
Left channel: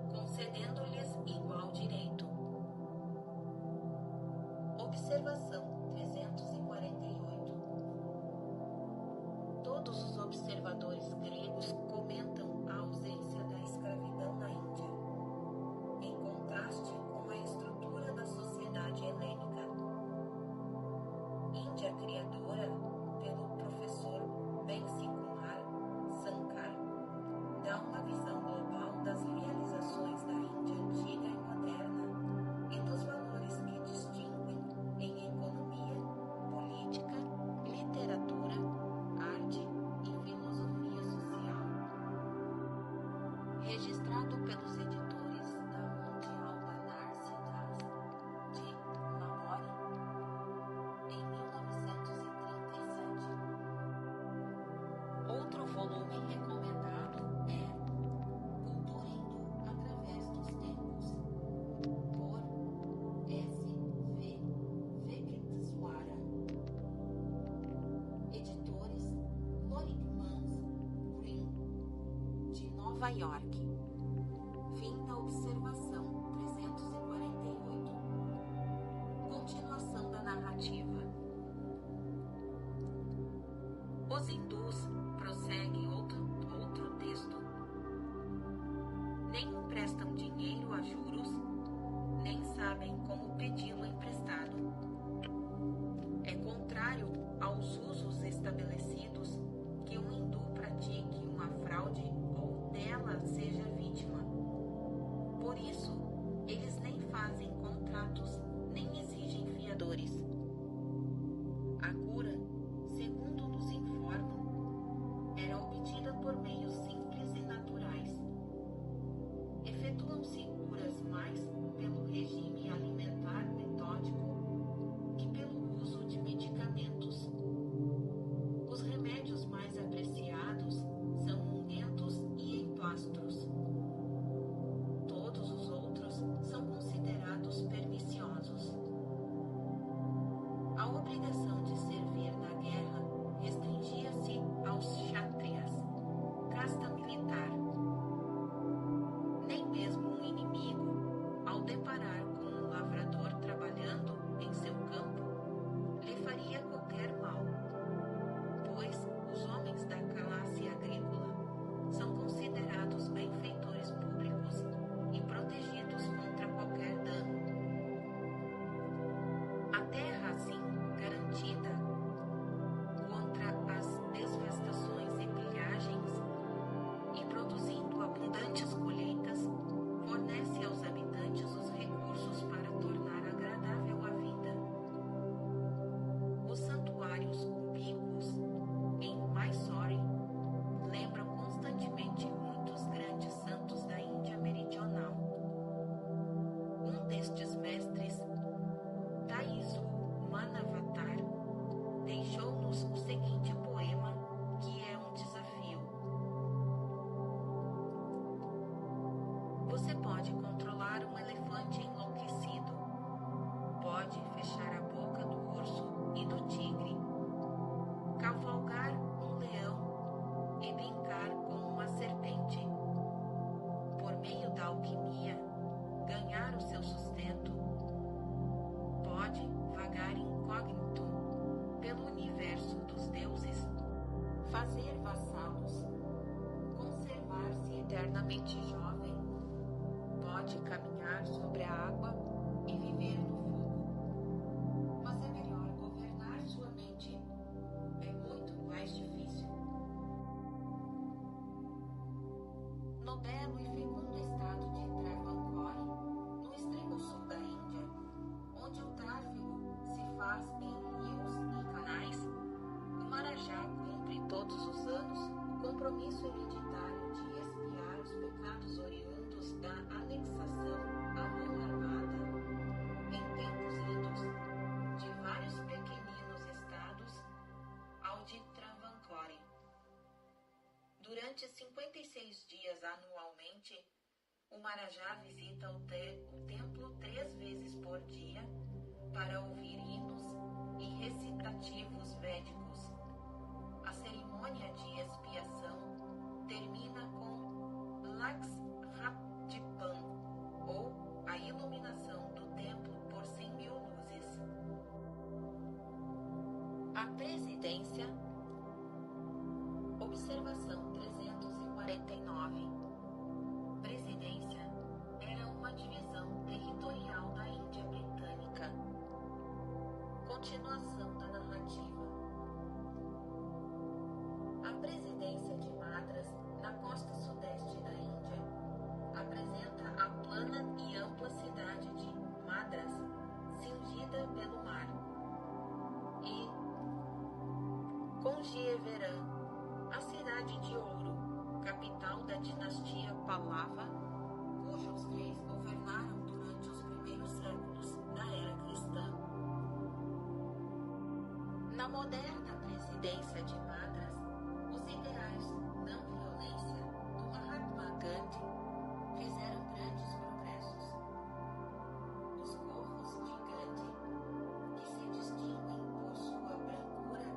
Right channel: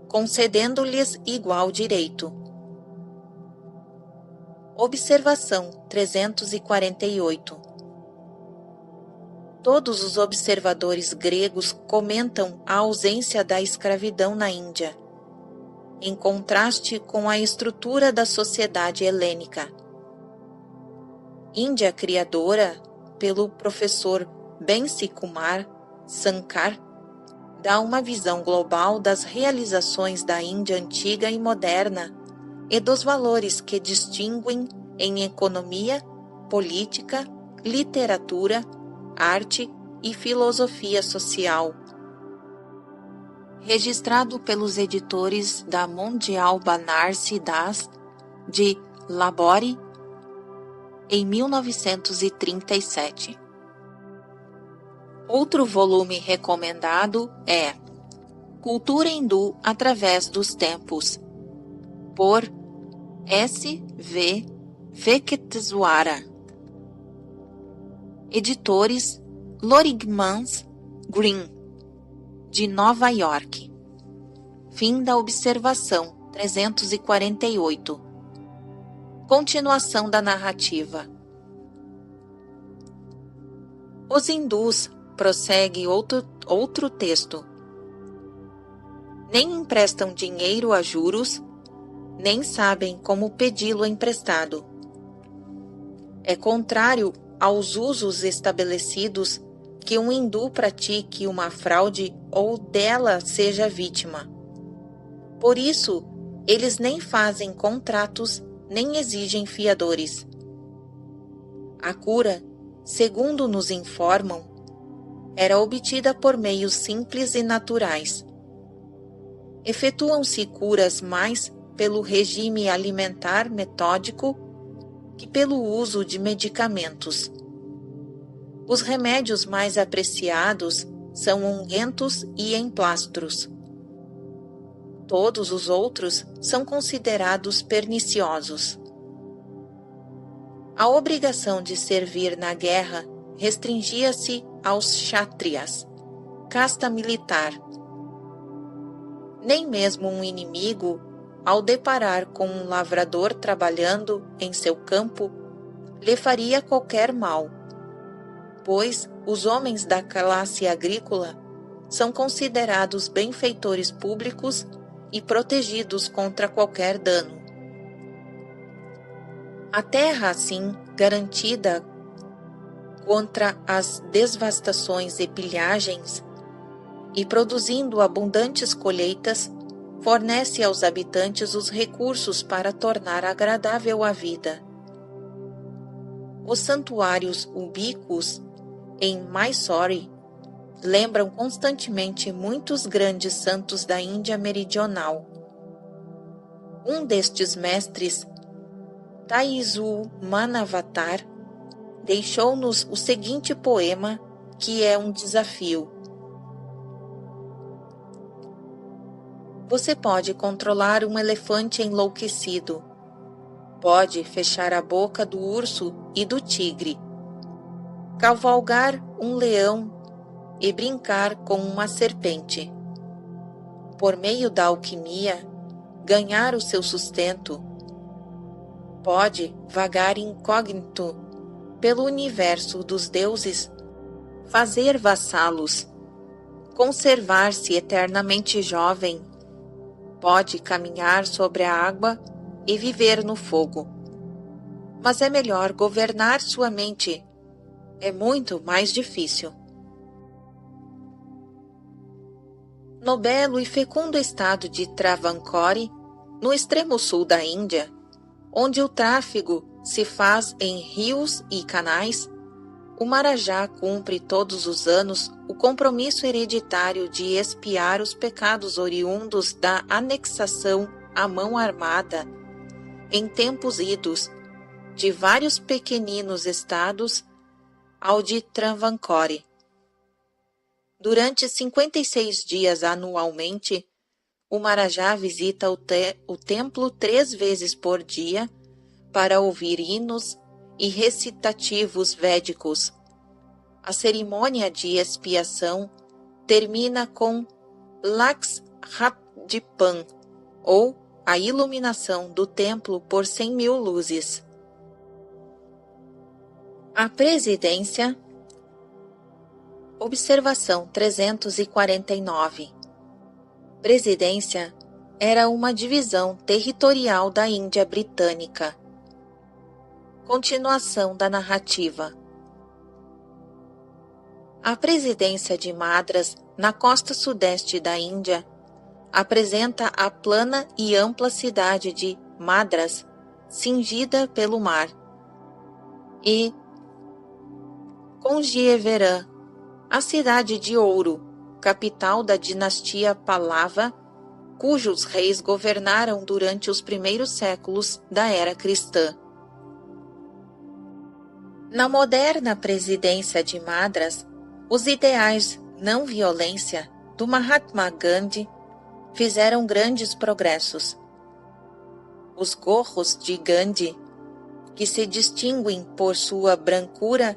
concedendo-lhes igual direito. Observação 348. Todos os observadores gregos comentam a ausência da escravidão na Índia, em contraste com a estrutura da sociedade helênica. Índia criadora, pelo professor Bensi Kumar Sankar, dá uma visão global das realizações da Índia antiga e moderna e dos valores que distinguem em economia, política, literatura, arte e filosofia social. Registrado pelos editores da Mondial Banarsi Das, de Lahore, em 1937. Outro volume recomendado é Cultura hindu através dos tempos, por S. V. Venkateswara. Editores Loringmans Green, de Nova York. Fim da observação 348. Continuação da narrativa. Os hindus, prossegue outro texto, nem emprestam dinheiro a juros, nem sabem como pedi-lo emprestado. É contrário aos usos estabelecidos que um hindu pratique uma fraude ou dela seja vítima. Por isso, eles nem fazem contratos, nem exigem fiadores. A cura, segundo nos informam, era obtida por meios simples e naturais. Efetuam-se curas mais pelo regime alimentar metódico que pelo uso de medicamentos. Os remédios mais apreciados são ungüentos e emplastros. Todos os outros são considerados perniciosos. A obrigação de servir na guerra restringia-se aos kshatriyas, casta militar. Nem mesmo um inimigo, ao deparar com um lavrador trabalhando em seu campo, lhe faria qualquer mal, pois os homens da classe agrícola são considerados benfeitores públicos e protegidos contra qualquer dano. A terra, assim, garantida contra as devastações e pilhagens, e produzindo abundantes colheitas, fornece aos habitantes os recursos para tornar agradável a vida. Os santuários ubíquos em Mysore lembram constantemente muitos grandes santos da Índia meridional. Um destes mestres, Taizu Manavatar, deixou-nos o seguinte poema, que é um desafio. Você pode controlar um elefante enlouquecido. Pode fechar a boca do urso e do tigre. Cavalgar um leão e brincar com uma serpente. Por meio da alquimia, ganhar o seu sustento. Pode vagar incógnito pelo universo dos deuses, fazer vassalos, conservar-se eternamente jovem. Pode caminhar sobre a água e viver no fogo. Mas é melhor governar sua mente. É muito mais difícil. No belo e fecundo estado de Travancore, no extremo sul da Índia, onde o tráfego se faz em rios e canais, o Marajá cumpre todos os anos o compromisso hereditário de expiar os pecados oriundos da anexação à mão armada, em tempos idos, de vários pequeninos estados ao de Travancore. Durante 56 dias anualmente, o Marajá visita o templo 3 vezes por dia para ouvir hinos e recitativos védicos. A cerimônia de expiação termina com Lakshadvipan, ou a iluminação do templo por 100.000 luzes. A presidência. Observação 349. Presidência era uma divisão territorial da Índia Britânica. Continuação da narrativa. A presidência de Madras, na costa sudeste da Índia, apresenta a plana e ampla cidade de Madras, cingida pelo mar, e Conjeeveram, a cidade de ouro, capital da dinastia Pallava, cujos reis governaram durante os primeiros séculos da era cristã. Na moderna presidência de Madras, os ideais não violência, do Mahatma Gandhi fizeram grandes progressos. Os gorros de Gandhi, que se distinguem por sua brancura,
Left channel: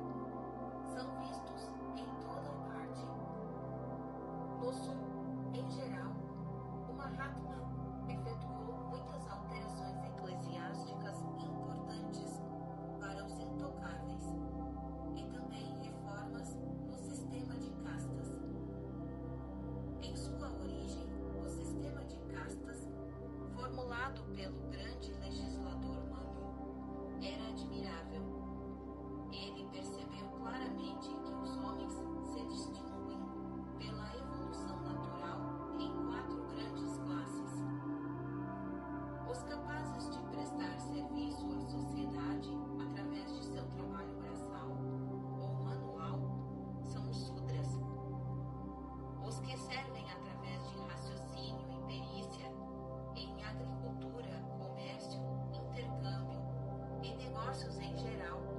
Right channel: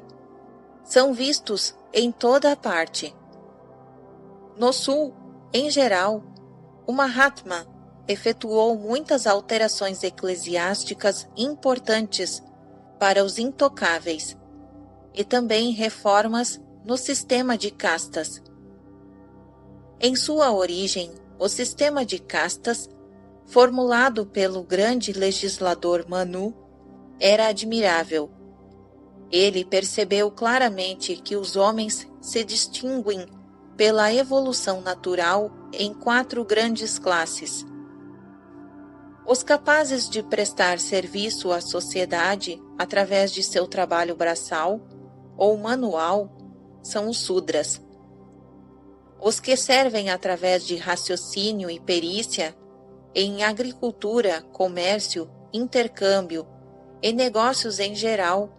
são vistos em toda a parte. No Sul, em geral, o Mahatma efetuou muitas alterações eclesiásticas importantes para os intocáveis e também reformas no sistema de castas. Em sua origem, o sistema de castas, formulado pelo grande legislador Manu, era admirável. Ele percebeu claramente que os homens se distinguem pela evolução natural em 4 grandes classes. Os capazes de prestar serviço à sociedade através de seu trabalho braçal ou manual são os Sudras. Os que servem através de raciocínio e perícia em agricultura, comércio, intercâmbio e negócios em geral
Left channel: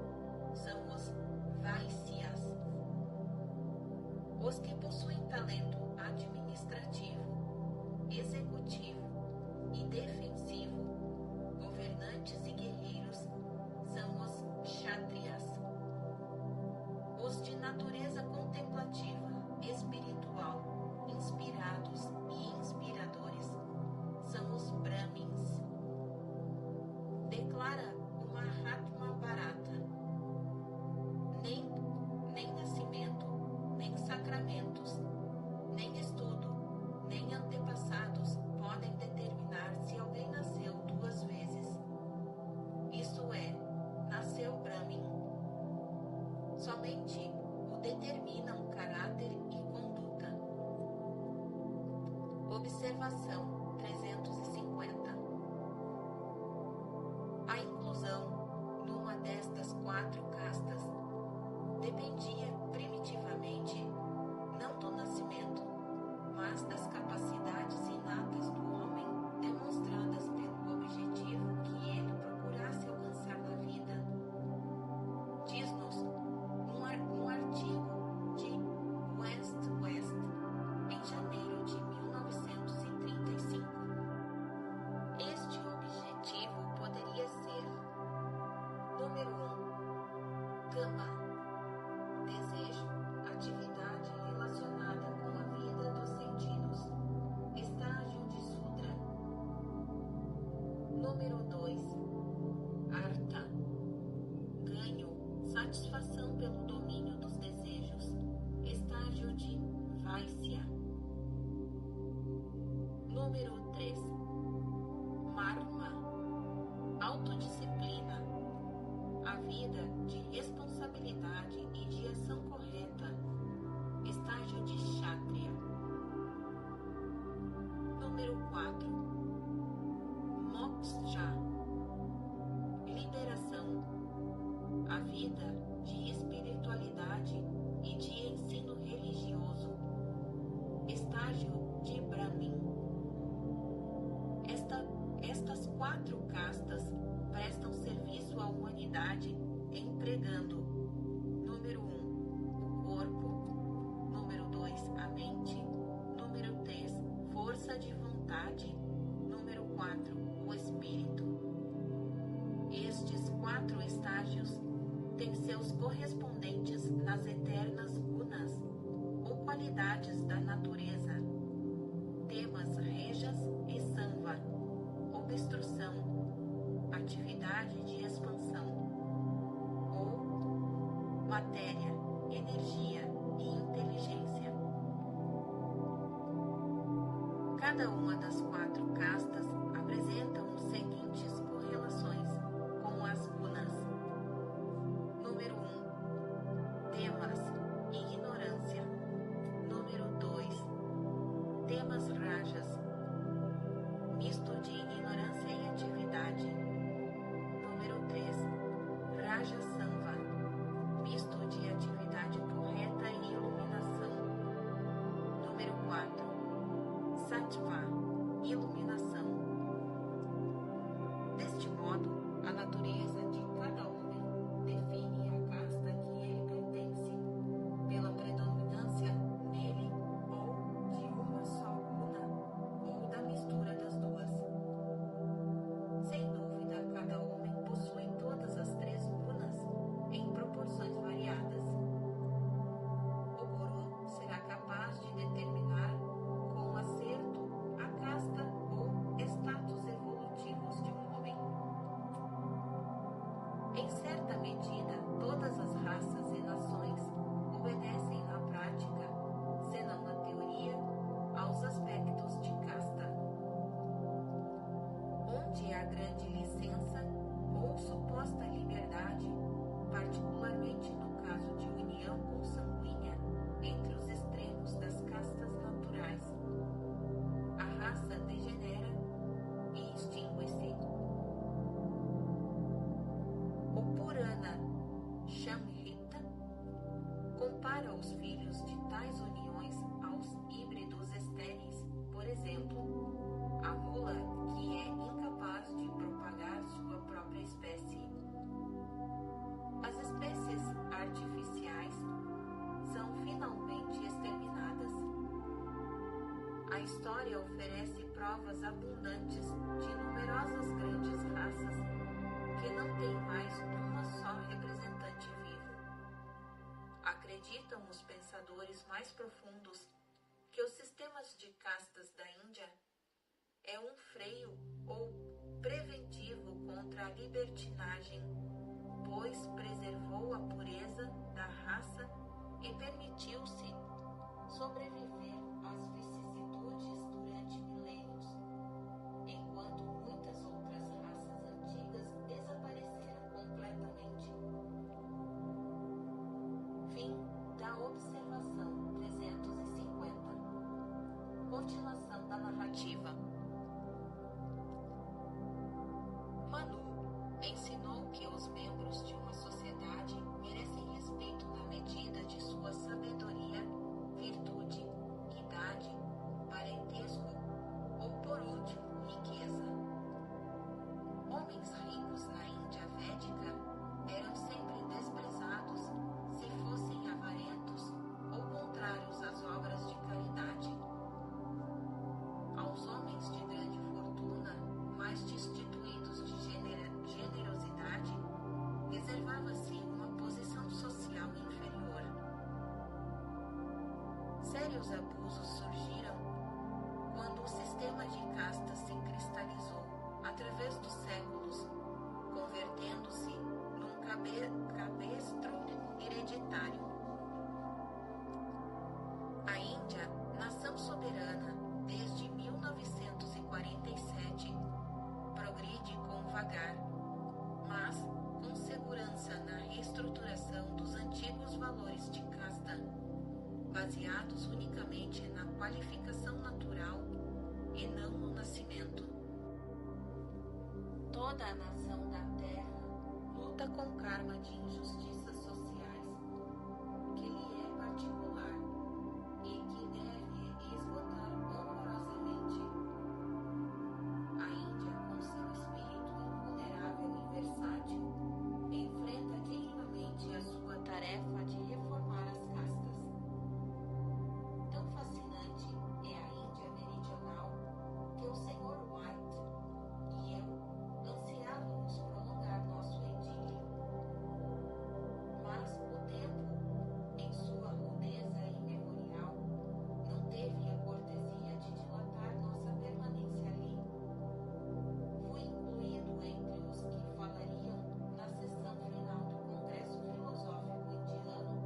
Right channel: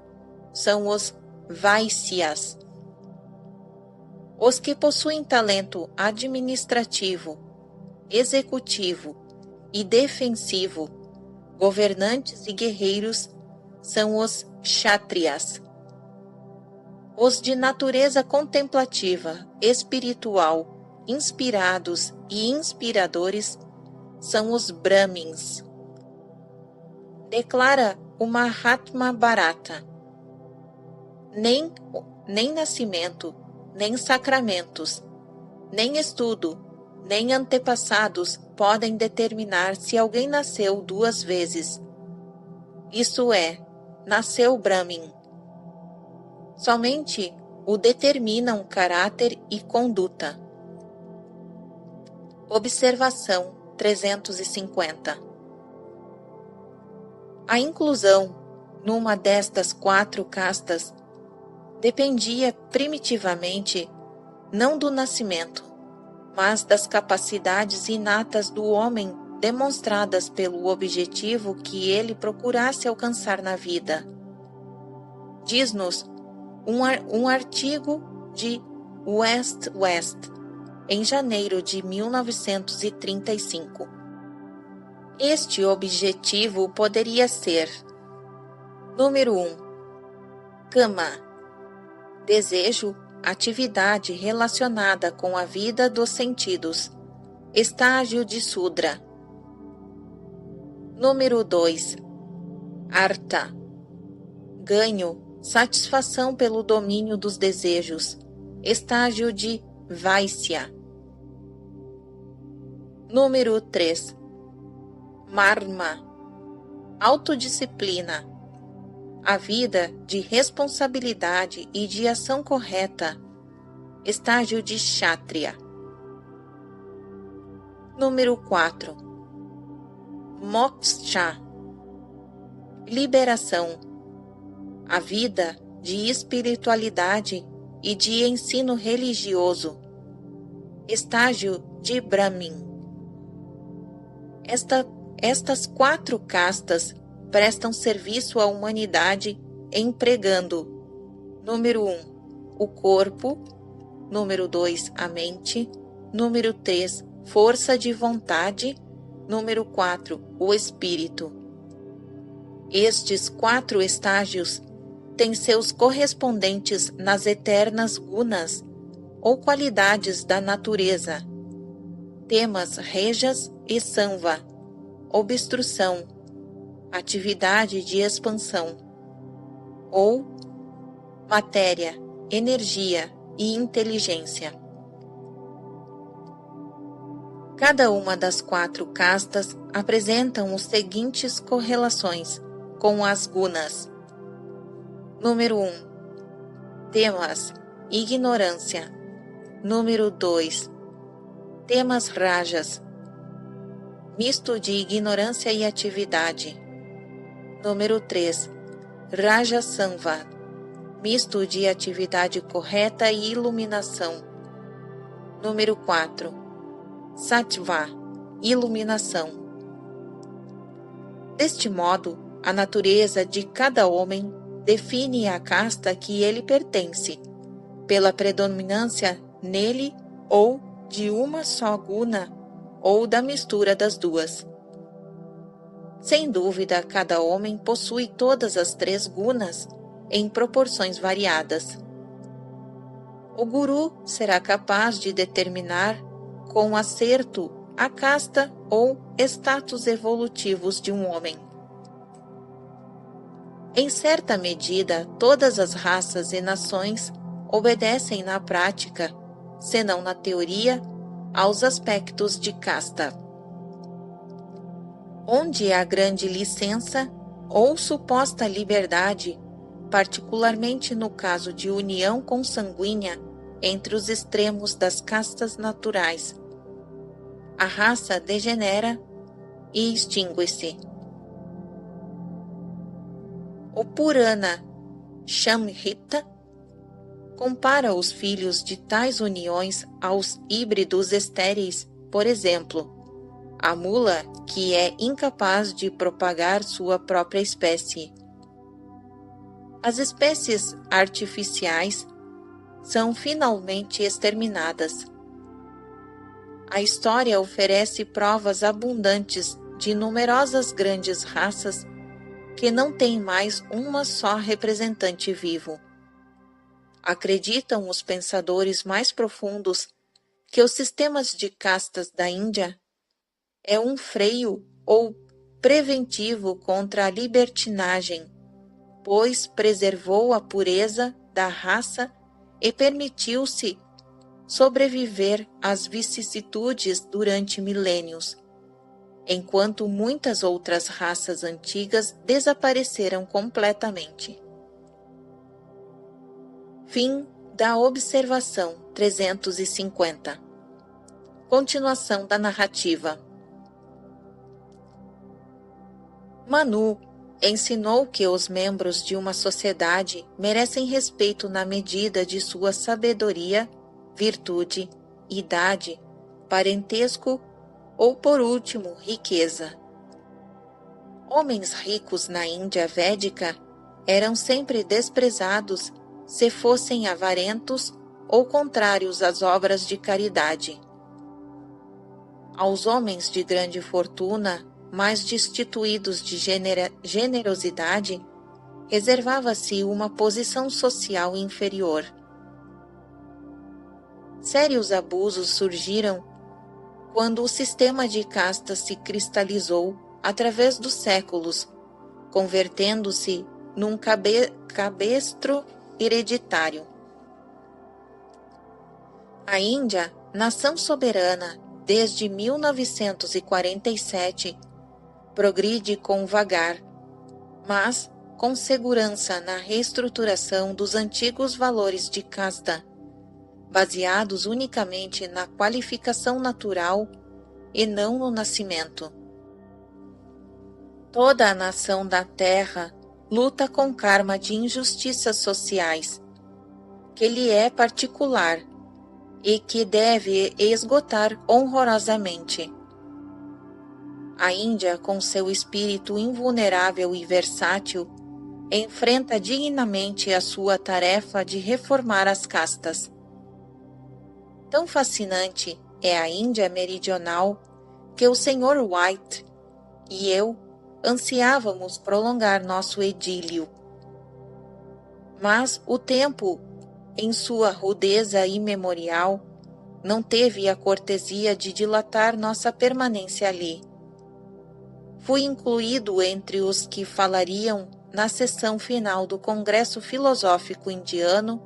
são os Vaisyas. Os que possuem talento administrativo, executivo e defensivo, governantes e guerreiros, são os Kshatriyas. Os de natureza contemplativa, espiritual, inspirados e inspiradores, são os Brahmins. Declara o Mahatma Bharata: nem nascimento, nem sacramentos, nem estudo, nem antepassados podem determinar se alguém nasceu 2 vezes. Isso é, nasceu Brahmin. Somente o determinam caráter e conduta. Observação 350. A inclusão numa destas 4 castas dependia primitivamente não do nascimento, mas das capacidades inatas do homem demonstradas pelo objetivo que ele procurasse alcançar na vida. Diz-nos um artigo de West, em janeiro de 1935. Este objetivo poderia ser: número 1. Kama, desejo, atividade relacionada com a vida dos sentidos, estágio de Sudra. Número 2. Artha, ganho, satisfação pelo domínio dos desejos, estágio de Vaisya. Número 3. Marma, autodisciplina, a vida de responsabilidade e de ação correta, estágio de Kshatriya. Número 4. Moksha, liberação, a vida de espiritualidade e de ensino religioso, estágio de Brahmin. Estas 4 castas prestam serviço à humanidade empregando: número 1, o corpo; número 2, a mente; número 3, força de vontade; número 4, o espírito. Estes 4 estágios têm seus correspondentes nas eternas gunas, ou qualidades da natureza, temas rejas e samva, obstrução, atividade de expansão, ou matéria, energia e inteligência. Cada uma das 4 castas apresentam os seguintes correlações com as gunas. Número 1. Temas, ignorância. Número 2. Temas rajas, misto de ignorância e atividade. Número 3. Raja Samva, misto de atividade correta e iluminação. Número 4. Sattva, iluminação. Deste modo, a natureza de cada homem define a casta que ele pertence, pela predominância nele ou de uma só guna ou da mistura das duas. Sem dúvida, cada homem possui todas as 3 gunas em proporções variadas. O guru será capaz de determinar com acerto a casta ou status evolutivos de um homem. Em certa medida, todas as raças e nações obedecem na prática, senão na teoria, aos aspectos de casta. Onde há grande licença ou suposta liberdade, particularmente no caso de união consanguínea entre os extremos das castas naturais, a raça degenera e extingue-se. O Purana Samhita compara os filhos de tais uniões aos híbridos estéreis, por exemplo, a mula que é incapaz de propagar sua própria espécie. As espécies artificiais são finalmente exterminadas. A história oferece provas abundantes de numerosas grandes raças que não têm mais uma só representante vivo. Acreditam os pensadores mais profundos que os sistemas de castas da Índia é um freio ou preventivo contra a libertinagem, pois preservou a pureza da raça e permitiu-se sobreviver às vicissitudes durante milênios, enquanto muitas outras raças antigas desapareceram completamente. Fim da observação 350. Continuação da narrativa. Manu ensinou que os membros de uma sociedade merecem respeito na medida de sua sabedoria, virtude, idade, parentesco ou, por último, riqueza. Homens ricos na Índia védica eram sempre desprezados se fossem avarentos ou contrários às obras de caridade. Aos homens de grande fortuna, mais destituídos de generosidade, reservava-se uma posição social inferior. Sérios abusos surgiram quando o sistema de castas se cristalizou através dos séculos, convertendo-se num cabestro hereditário. A Índia, nação soberana desde 1947, progride com vagar, mas com segurança na reestruturação dos antigos valores de casta, baseados unicamente na qualificação natural e não no nascimento. Toda a nação da Terra luta com karma de injustiças sociais, que lhe é particular e que deve esgotar honrosamente. A Índia, com seu espírito invulnerável e versátil, enfrenta dignamente a sua tarefa de reformar as castas. Tão fascinante é a Índia meridional que o Sr. White e eu ansiávamos prolongar nosso idílio. Mas o tempo, em sua rudeza imemorial, não teve a cortesia de dilatar nossa permanência ali. Fui incluído entre os que falariam na sessão final do Congresso Filosófico Indiano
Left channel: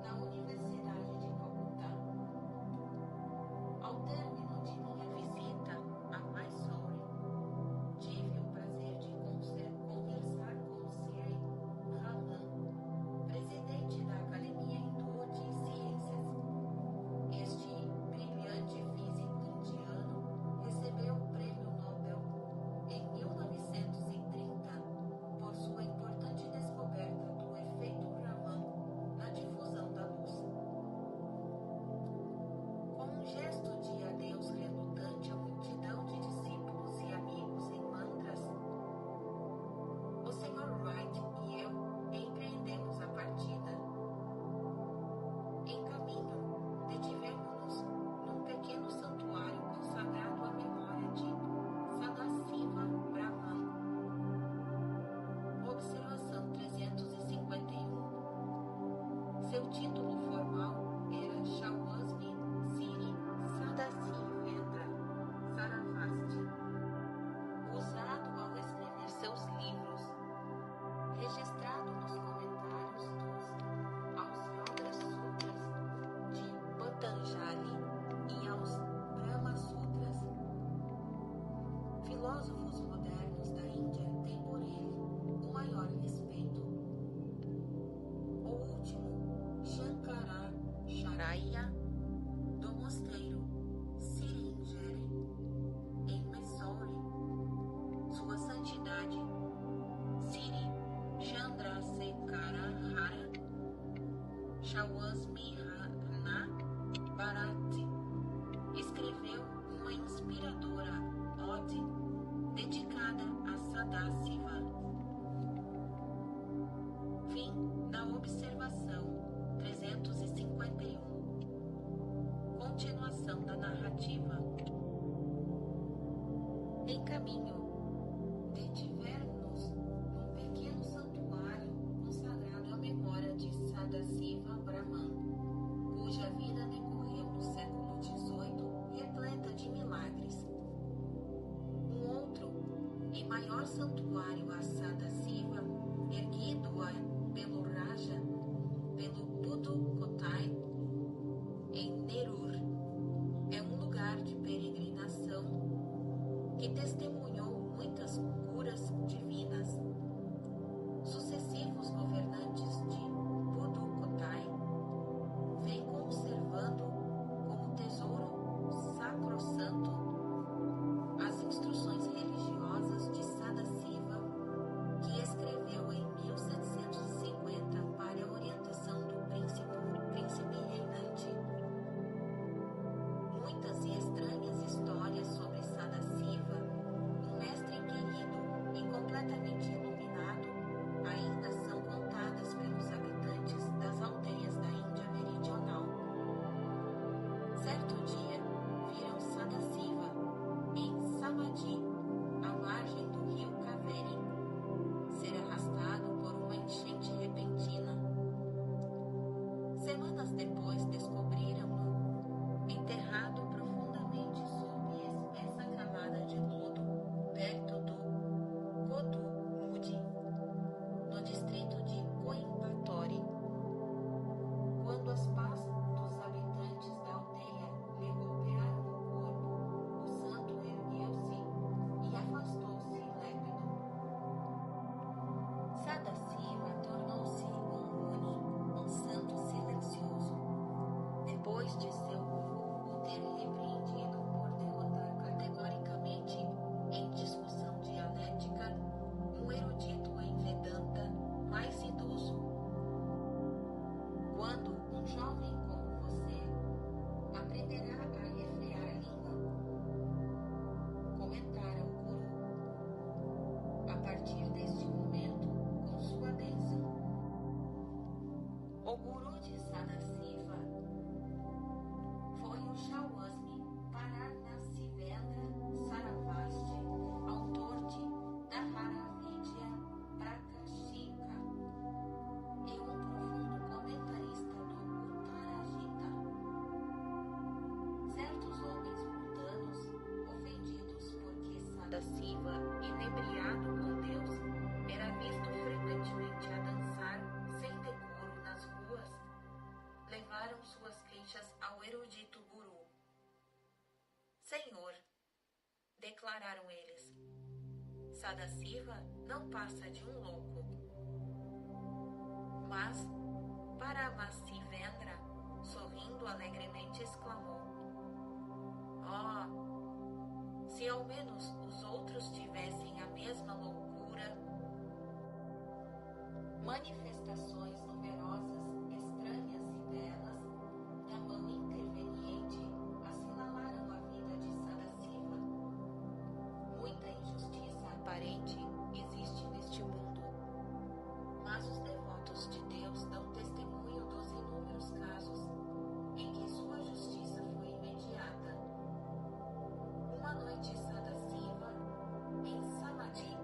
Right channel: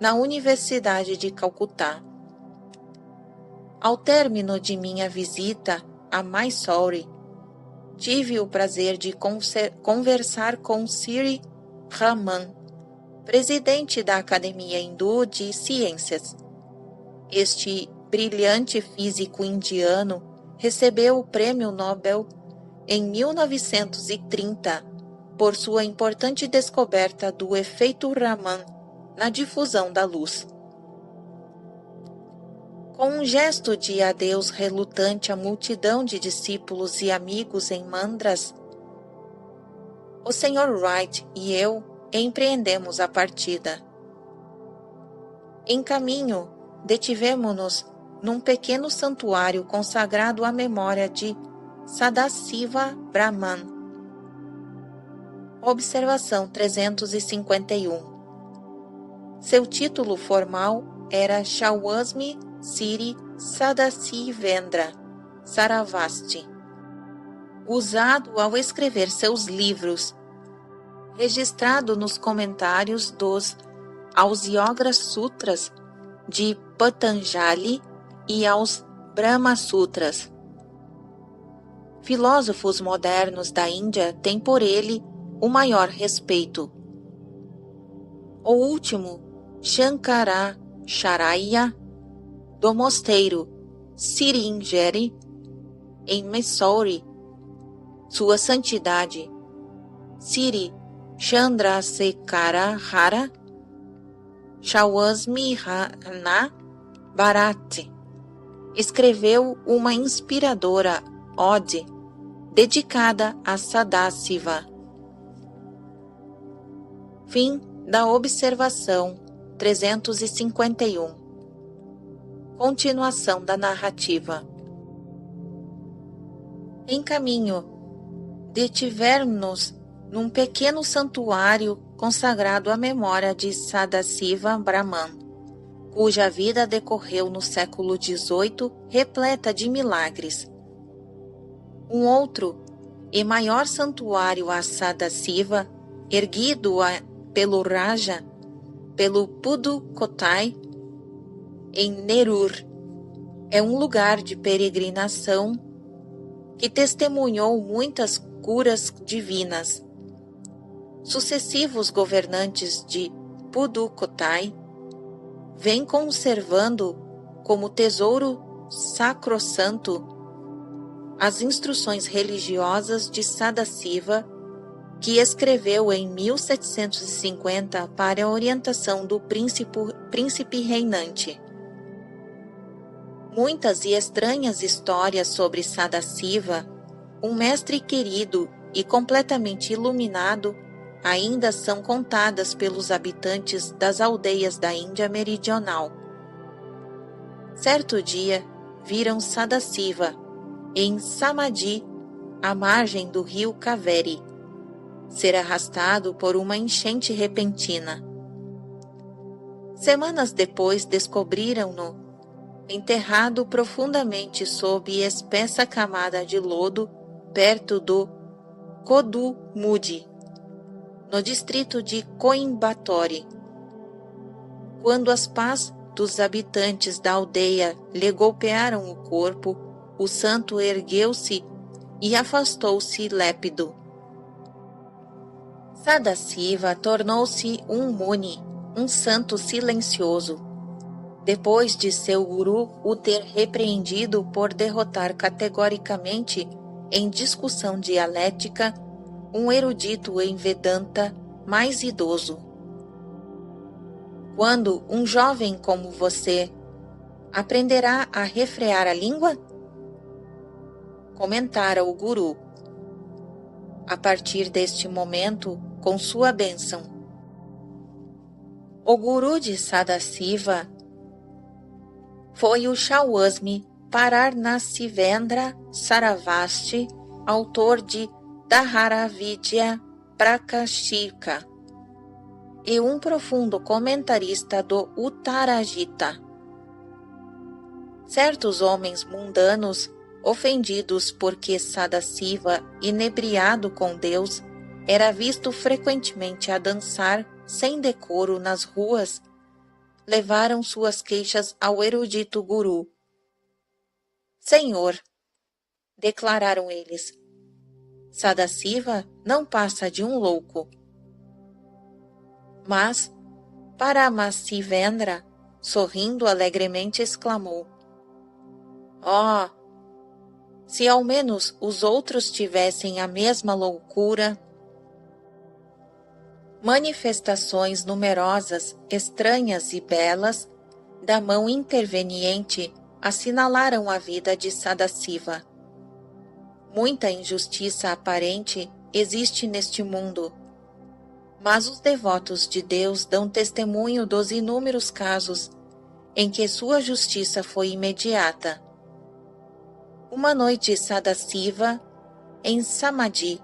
na Universidade de Calcutá. Ao término de minha visita a Mysore, tive o prazer de conversar com Sri Raman, presidente da Academia Hindu de Ciências. Este brilhante físico indiano recebeu o Prêmio Nobel em 1930 por sua importante descoberta do efeito Raman na difusão da luz. Com um gesto de adeus relutante à multidão de discípulos e amigos em Mandras, o Sr. Wright e eu empreendemos a partida. Em caminho, detivemo-nos num pequeno santuário consagrado à memória de Sadasiva Brahman. Observação 351. Seu título formal era Shawasmi Siri Sadasivendra Saravasti, usado ao escrever seus livros, registrado nos comentários aos Yoga Sutras de Patanjali e aos Brahma Sutras. Filósofos modernos da Índia têm por ele o maior respeito. O último, Shankaracharya, do mosteiro Siringeri, em Mysore, Sua Santidade Siri Chandrasekhara Shawasmihana Bharati, escreveu uma inspiradora ode dedicada a Sadasiva. Fim da observação 351. Continuação da narrativa. Em caminho, detivemos-nos num pequeno santuário consagrado à memória de Sadasiva Brahman, cuja vida decorreu no século XVIII, repleta de milagres. Um outro e maior santuário a Sadasiva, erguido pelo Raja, pelo Pudukkottai, em Nerur, é um lugar de peregrinação que testemunhou muitas curas divinas. Sucessivos governantes de Pudukkottai vêm conservando como tesouro sacrossanto as instruções religiosas de Sadasiva, que escreveu em 1750 para a orientação do príncipe reinante. Muitas e estranhas histórias sobre Sadasiva, um mestre querido e completamente iluminado, ainda são contadas pelos habitantes das aldeias da Índia meridional. Certo dia, viram Sadasiva em Samadhi, à margem do rio Kaveri, ser arrastado por uma enchente repentina. Semanas depois descobriram-no enterrado profundamente sob espessa camada de lodo perto do Kodumudi, no distrito de Coimbatore. Quando as pás dos habitantes da aldeia lhe golpearam o corpo, o santo ergueu-se e afastou-se lépido. Sadasiva tornou-se um Muni, um santo silencioso, depois de seu guru o ter repreendido por derrotar categoricamente, em discussão dialética, um erudito em Vedanta mais idoso. Quando um jovem como você aprenderá a refrear a língua? Comentara o guru. A partir deste momento, com sua bênção. O guru de Sadasiva foi o Shawasmi Paranasivendra Saravasti, autor de Dharavidya Prakashika, e um profundo comentarista do Uttarajita. Certos homens mundanos, ofendidos porque Sadasiva, inebriado com Deus, era visto frequentemente a dançar sem decoro nas ruas, levaram suas queixas ao erudito guru. Senhor, declararam eles, Sadasiva não passa de um louco. Mas Paramasivendra, sorrindo alegremente, exclamou, Oh, se ao menos os outros tivessem a mesma loucura! Manifestações numerosas, estranhas e belas, da mão interveniente, assinalaram a vida de Sadasiva. Muita injustiça aparente existe neste mundo, mas os devotos de Deus dão testemunho dos inúmeros casos em que sua justiça foi imediata. Uma noite Sadasiva, em Samadhi,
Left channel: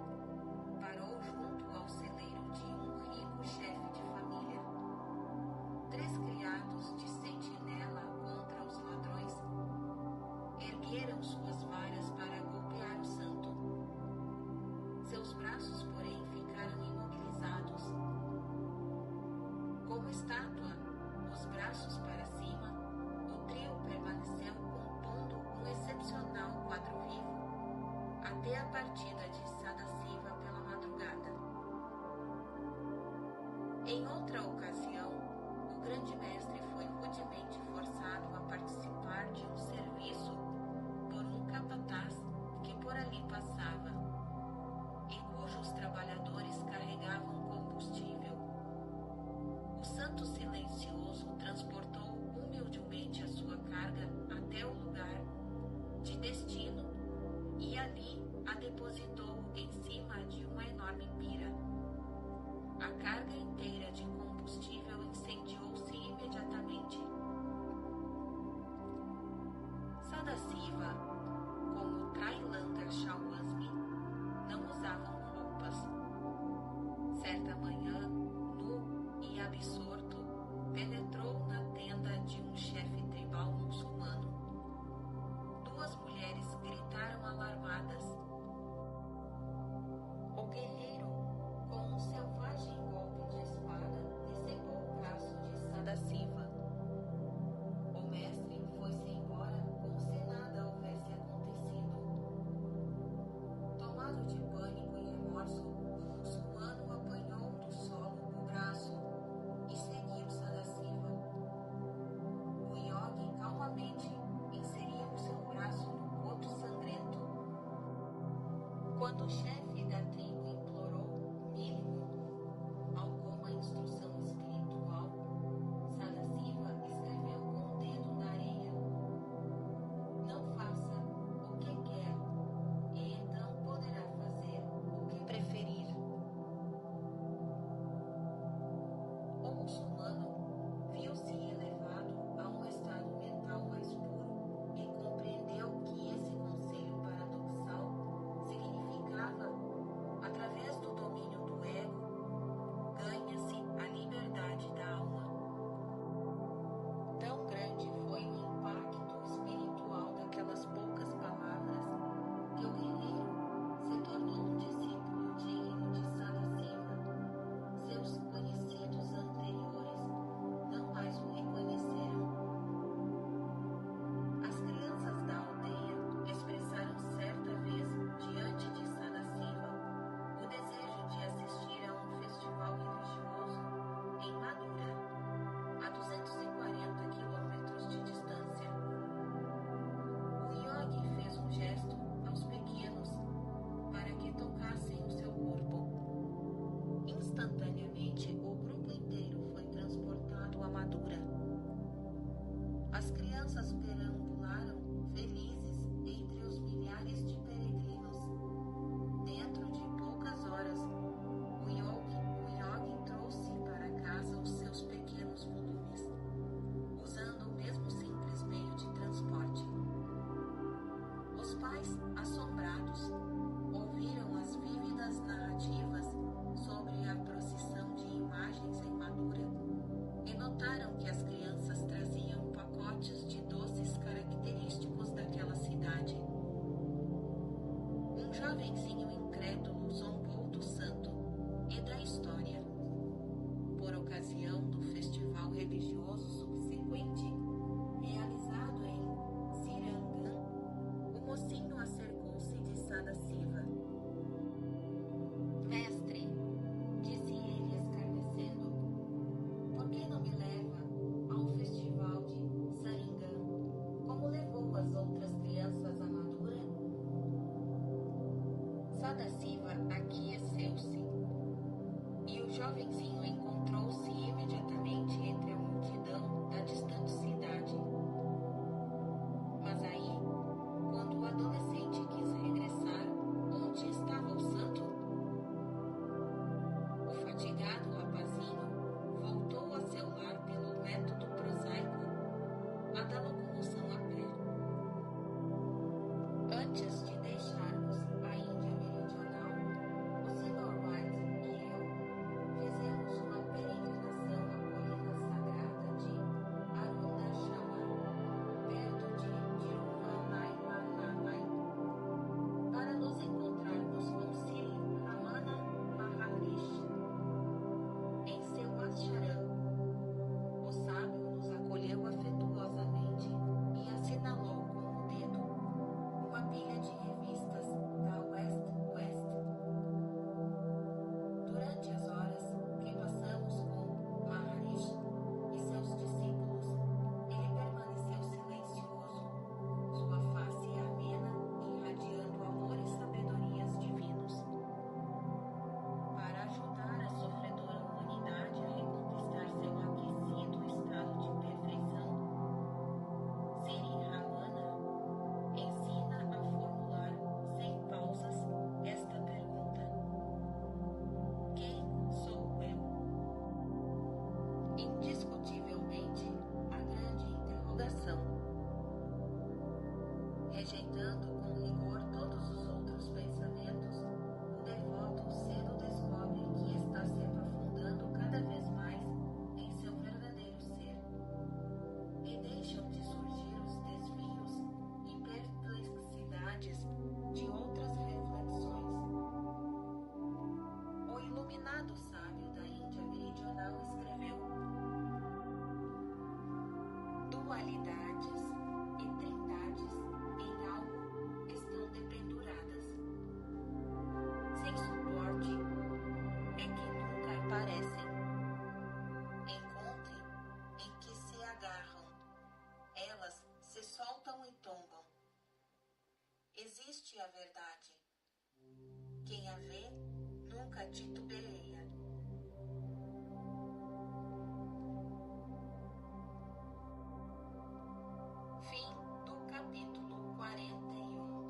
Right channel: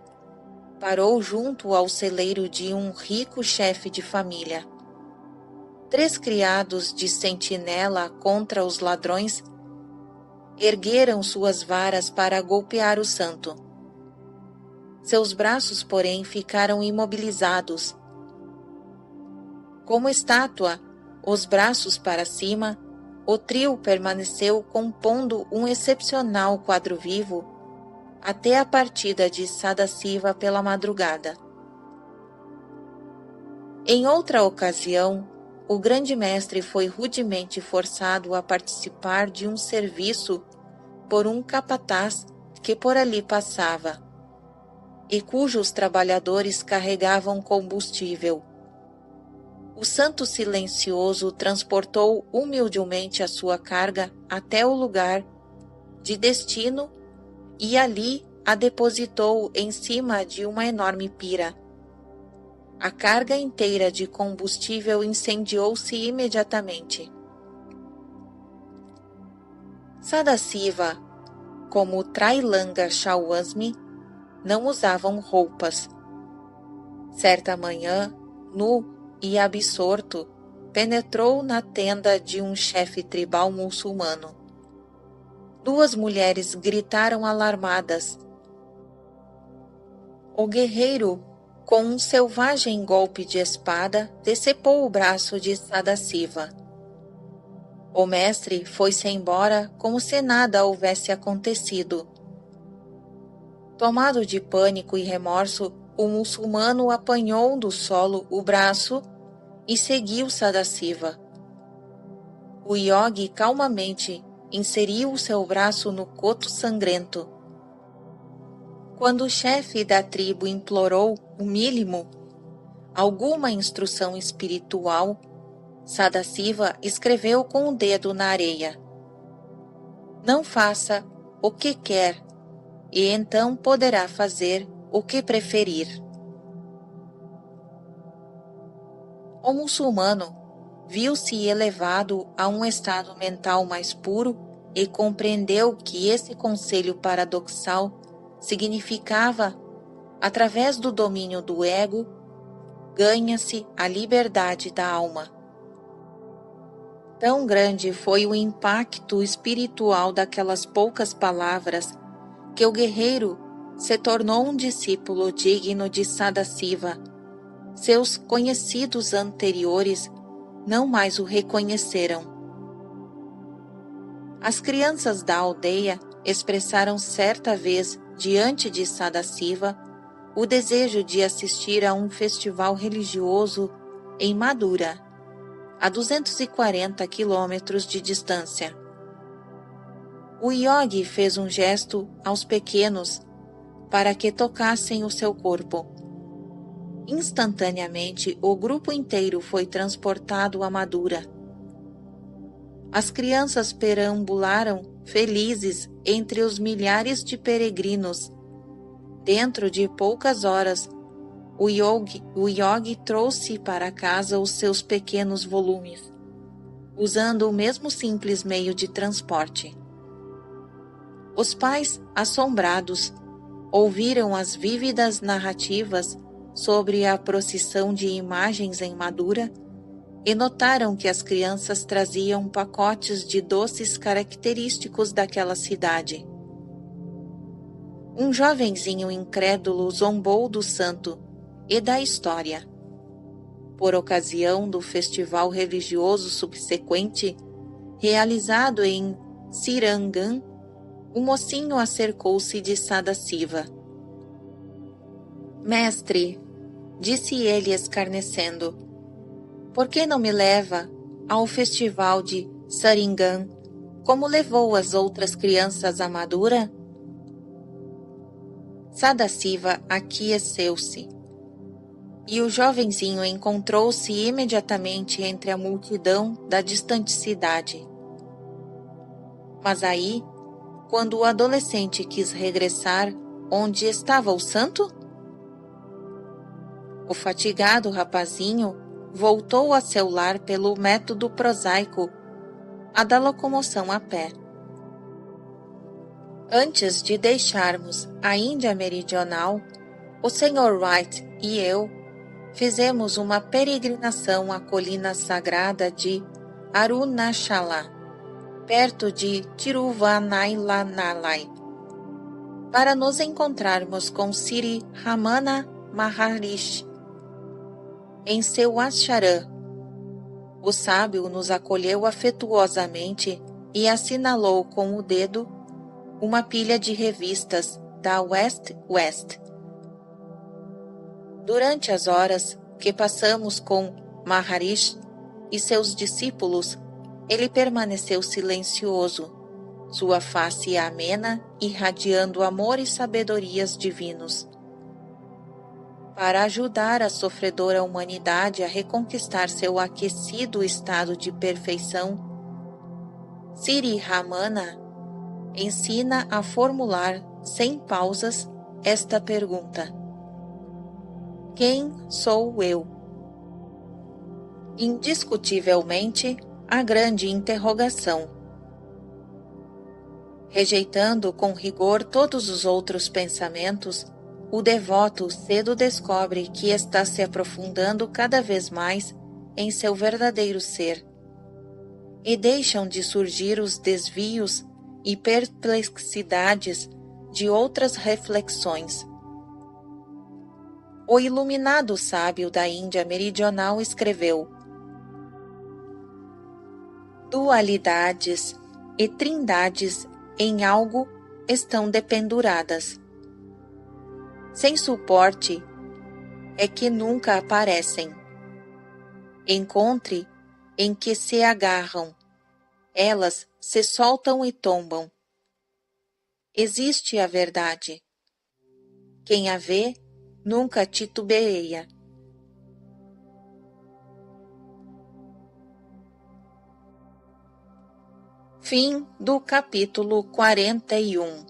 parou junto ao celeiro de um rico chefe de família. 3 criados de sentinela contra os ladrões ergueram suas varas para golpear o santo. Seus braços, porém, ficaram imobilizados. Como estátua, os braços para cima, o trio permaneceu compondo um excepcional quadro vivo até a partida de Sadasiva pela madrugada. Em outra ocasião, o grande mestre foi rudemente forçado a participar de um serviço por um capataz que por ali passava, e cujos trabalhadores carregavam combustível. O santo silencioso transportou humildemente a sua carga até o lugar de destino e ali a depositou em cima de uma enorme pira. A carga inteira de combustível incendiou-se imediatamente. Sadasiva, como Trailanga Shawasmi, não usavam roupas. Certa manhã, nu e absorto, penetrou na tenda de um chefe tribal muçulmano. 2 mulheres gritaram alarmadas. O guerreiro, com um selvagem golpe de espada, decepou o braço de Sadasiva. O mestre foi-se embora como se nada houvesse acontecido. Tomado de pânico e remorso, o muçulmano apanhou do solo o braço e seguiu Sadasiva. O iogue calmamente inseriu o seu braço no coto sangrento. Quando o chefe da tribo implorou o mínimo, alguma instrução espiritual, Sadasiva escreveu com o dedo na areia: não faça o que quer, e então poderá fazer o que preferir. O muçulmano viu-se elevado a um estado mental mais puro e compreendeu que esse conselho paradoxal significava, através do domínio do ego, ganha-se a liberdade da alma. Tão grande foi o impacto espiritual daquelas poucas palavras que o guerreiro se tornou um discípulo digno de Sadasiva. Seus conhecidos anteriores não mais o reconheceram. As crianças da aldeia expressaram certa vez, diante de Sadasiva, o desejo de assistir a um festival religioso em Madura, a 240 quilômetros de distância. O iogue fez um gesto aos pequenos para que tocassem o seu corpo. Instantaneamente, o grupo inteiro foi transportado a Madura. As crianças perambularam felizes entre os milhares de peregrinos. Dentro de poucas horas, o iogue trouxe para casa os seus pequenos volumes, usando o mesmo simples meio de transporte. Os pais, assombrados, ouviram as vívidas narrativas sobre a procissão de imagens em Madura e notaram que as crianças traziam pacotes de doces característicos daquela cidade. Um jovenzinho incrédulo zombou do santo e da história. Por ocasião do festival religioso subsequente, realizado em Sirangam, o mocinho acercou-se de Sadasiva. Mestre, disse ele escarnecendo, por que não me leva ao festival de Saringam, como levou as outras crianças a Madura? Sadasiva aqueceu-se, e o jovenzinho encontrou-se imediatamente entre a multidão da distante cidade. Mas aí, quando o adolescente quis regressar onde estava o santo, o fatigado rapazinho voltou a seu lar pelo método prosaico a da locomoção a pé. Antes de deixarmos a Índia Meridional, o Sr. Wright e eu fizemos uma peregrinação à colina sagrada de Arunachala, perto de Tiruvannamalai, para nos encontrarmos com Sri Ramana Maharishi em seu ashram. O sábio nos acolheu afetuosamente e assinalou com o dedo uma pilha de revistas da West. Durante as horas que passamos com Maharishi e seus discípulos, ele permaneceu silencioso, sua face amena, irradiando amor e sabedorias divinos. Para ajudar a sofredora humanidade a reconquistar seu aquecido estado de perfeição, Sri Ramana ensina a formular, sem pausas, esta pergunta: quem sou eu? Indiscutivelmente, a grande interrogação. Rejeitando com rigor todos os outros pensamentos, o devoto cedo descobre que está se aprofundando cada vez mais em seu verdadeiro ser, e deixam de surgir os desvios e perplexidades de outras reflexões. O iluminado sábio da Índia Meridional escreveu: dualidades e trindades em algo estão dependuradas. Sem suporte é que nunca aparecem. Encontre em que se agarram, elas se soltam e tombam. Existe a verdade. Quem a vê nunca titubeia. Fim do capítulo 41.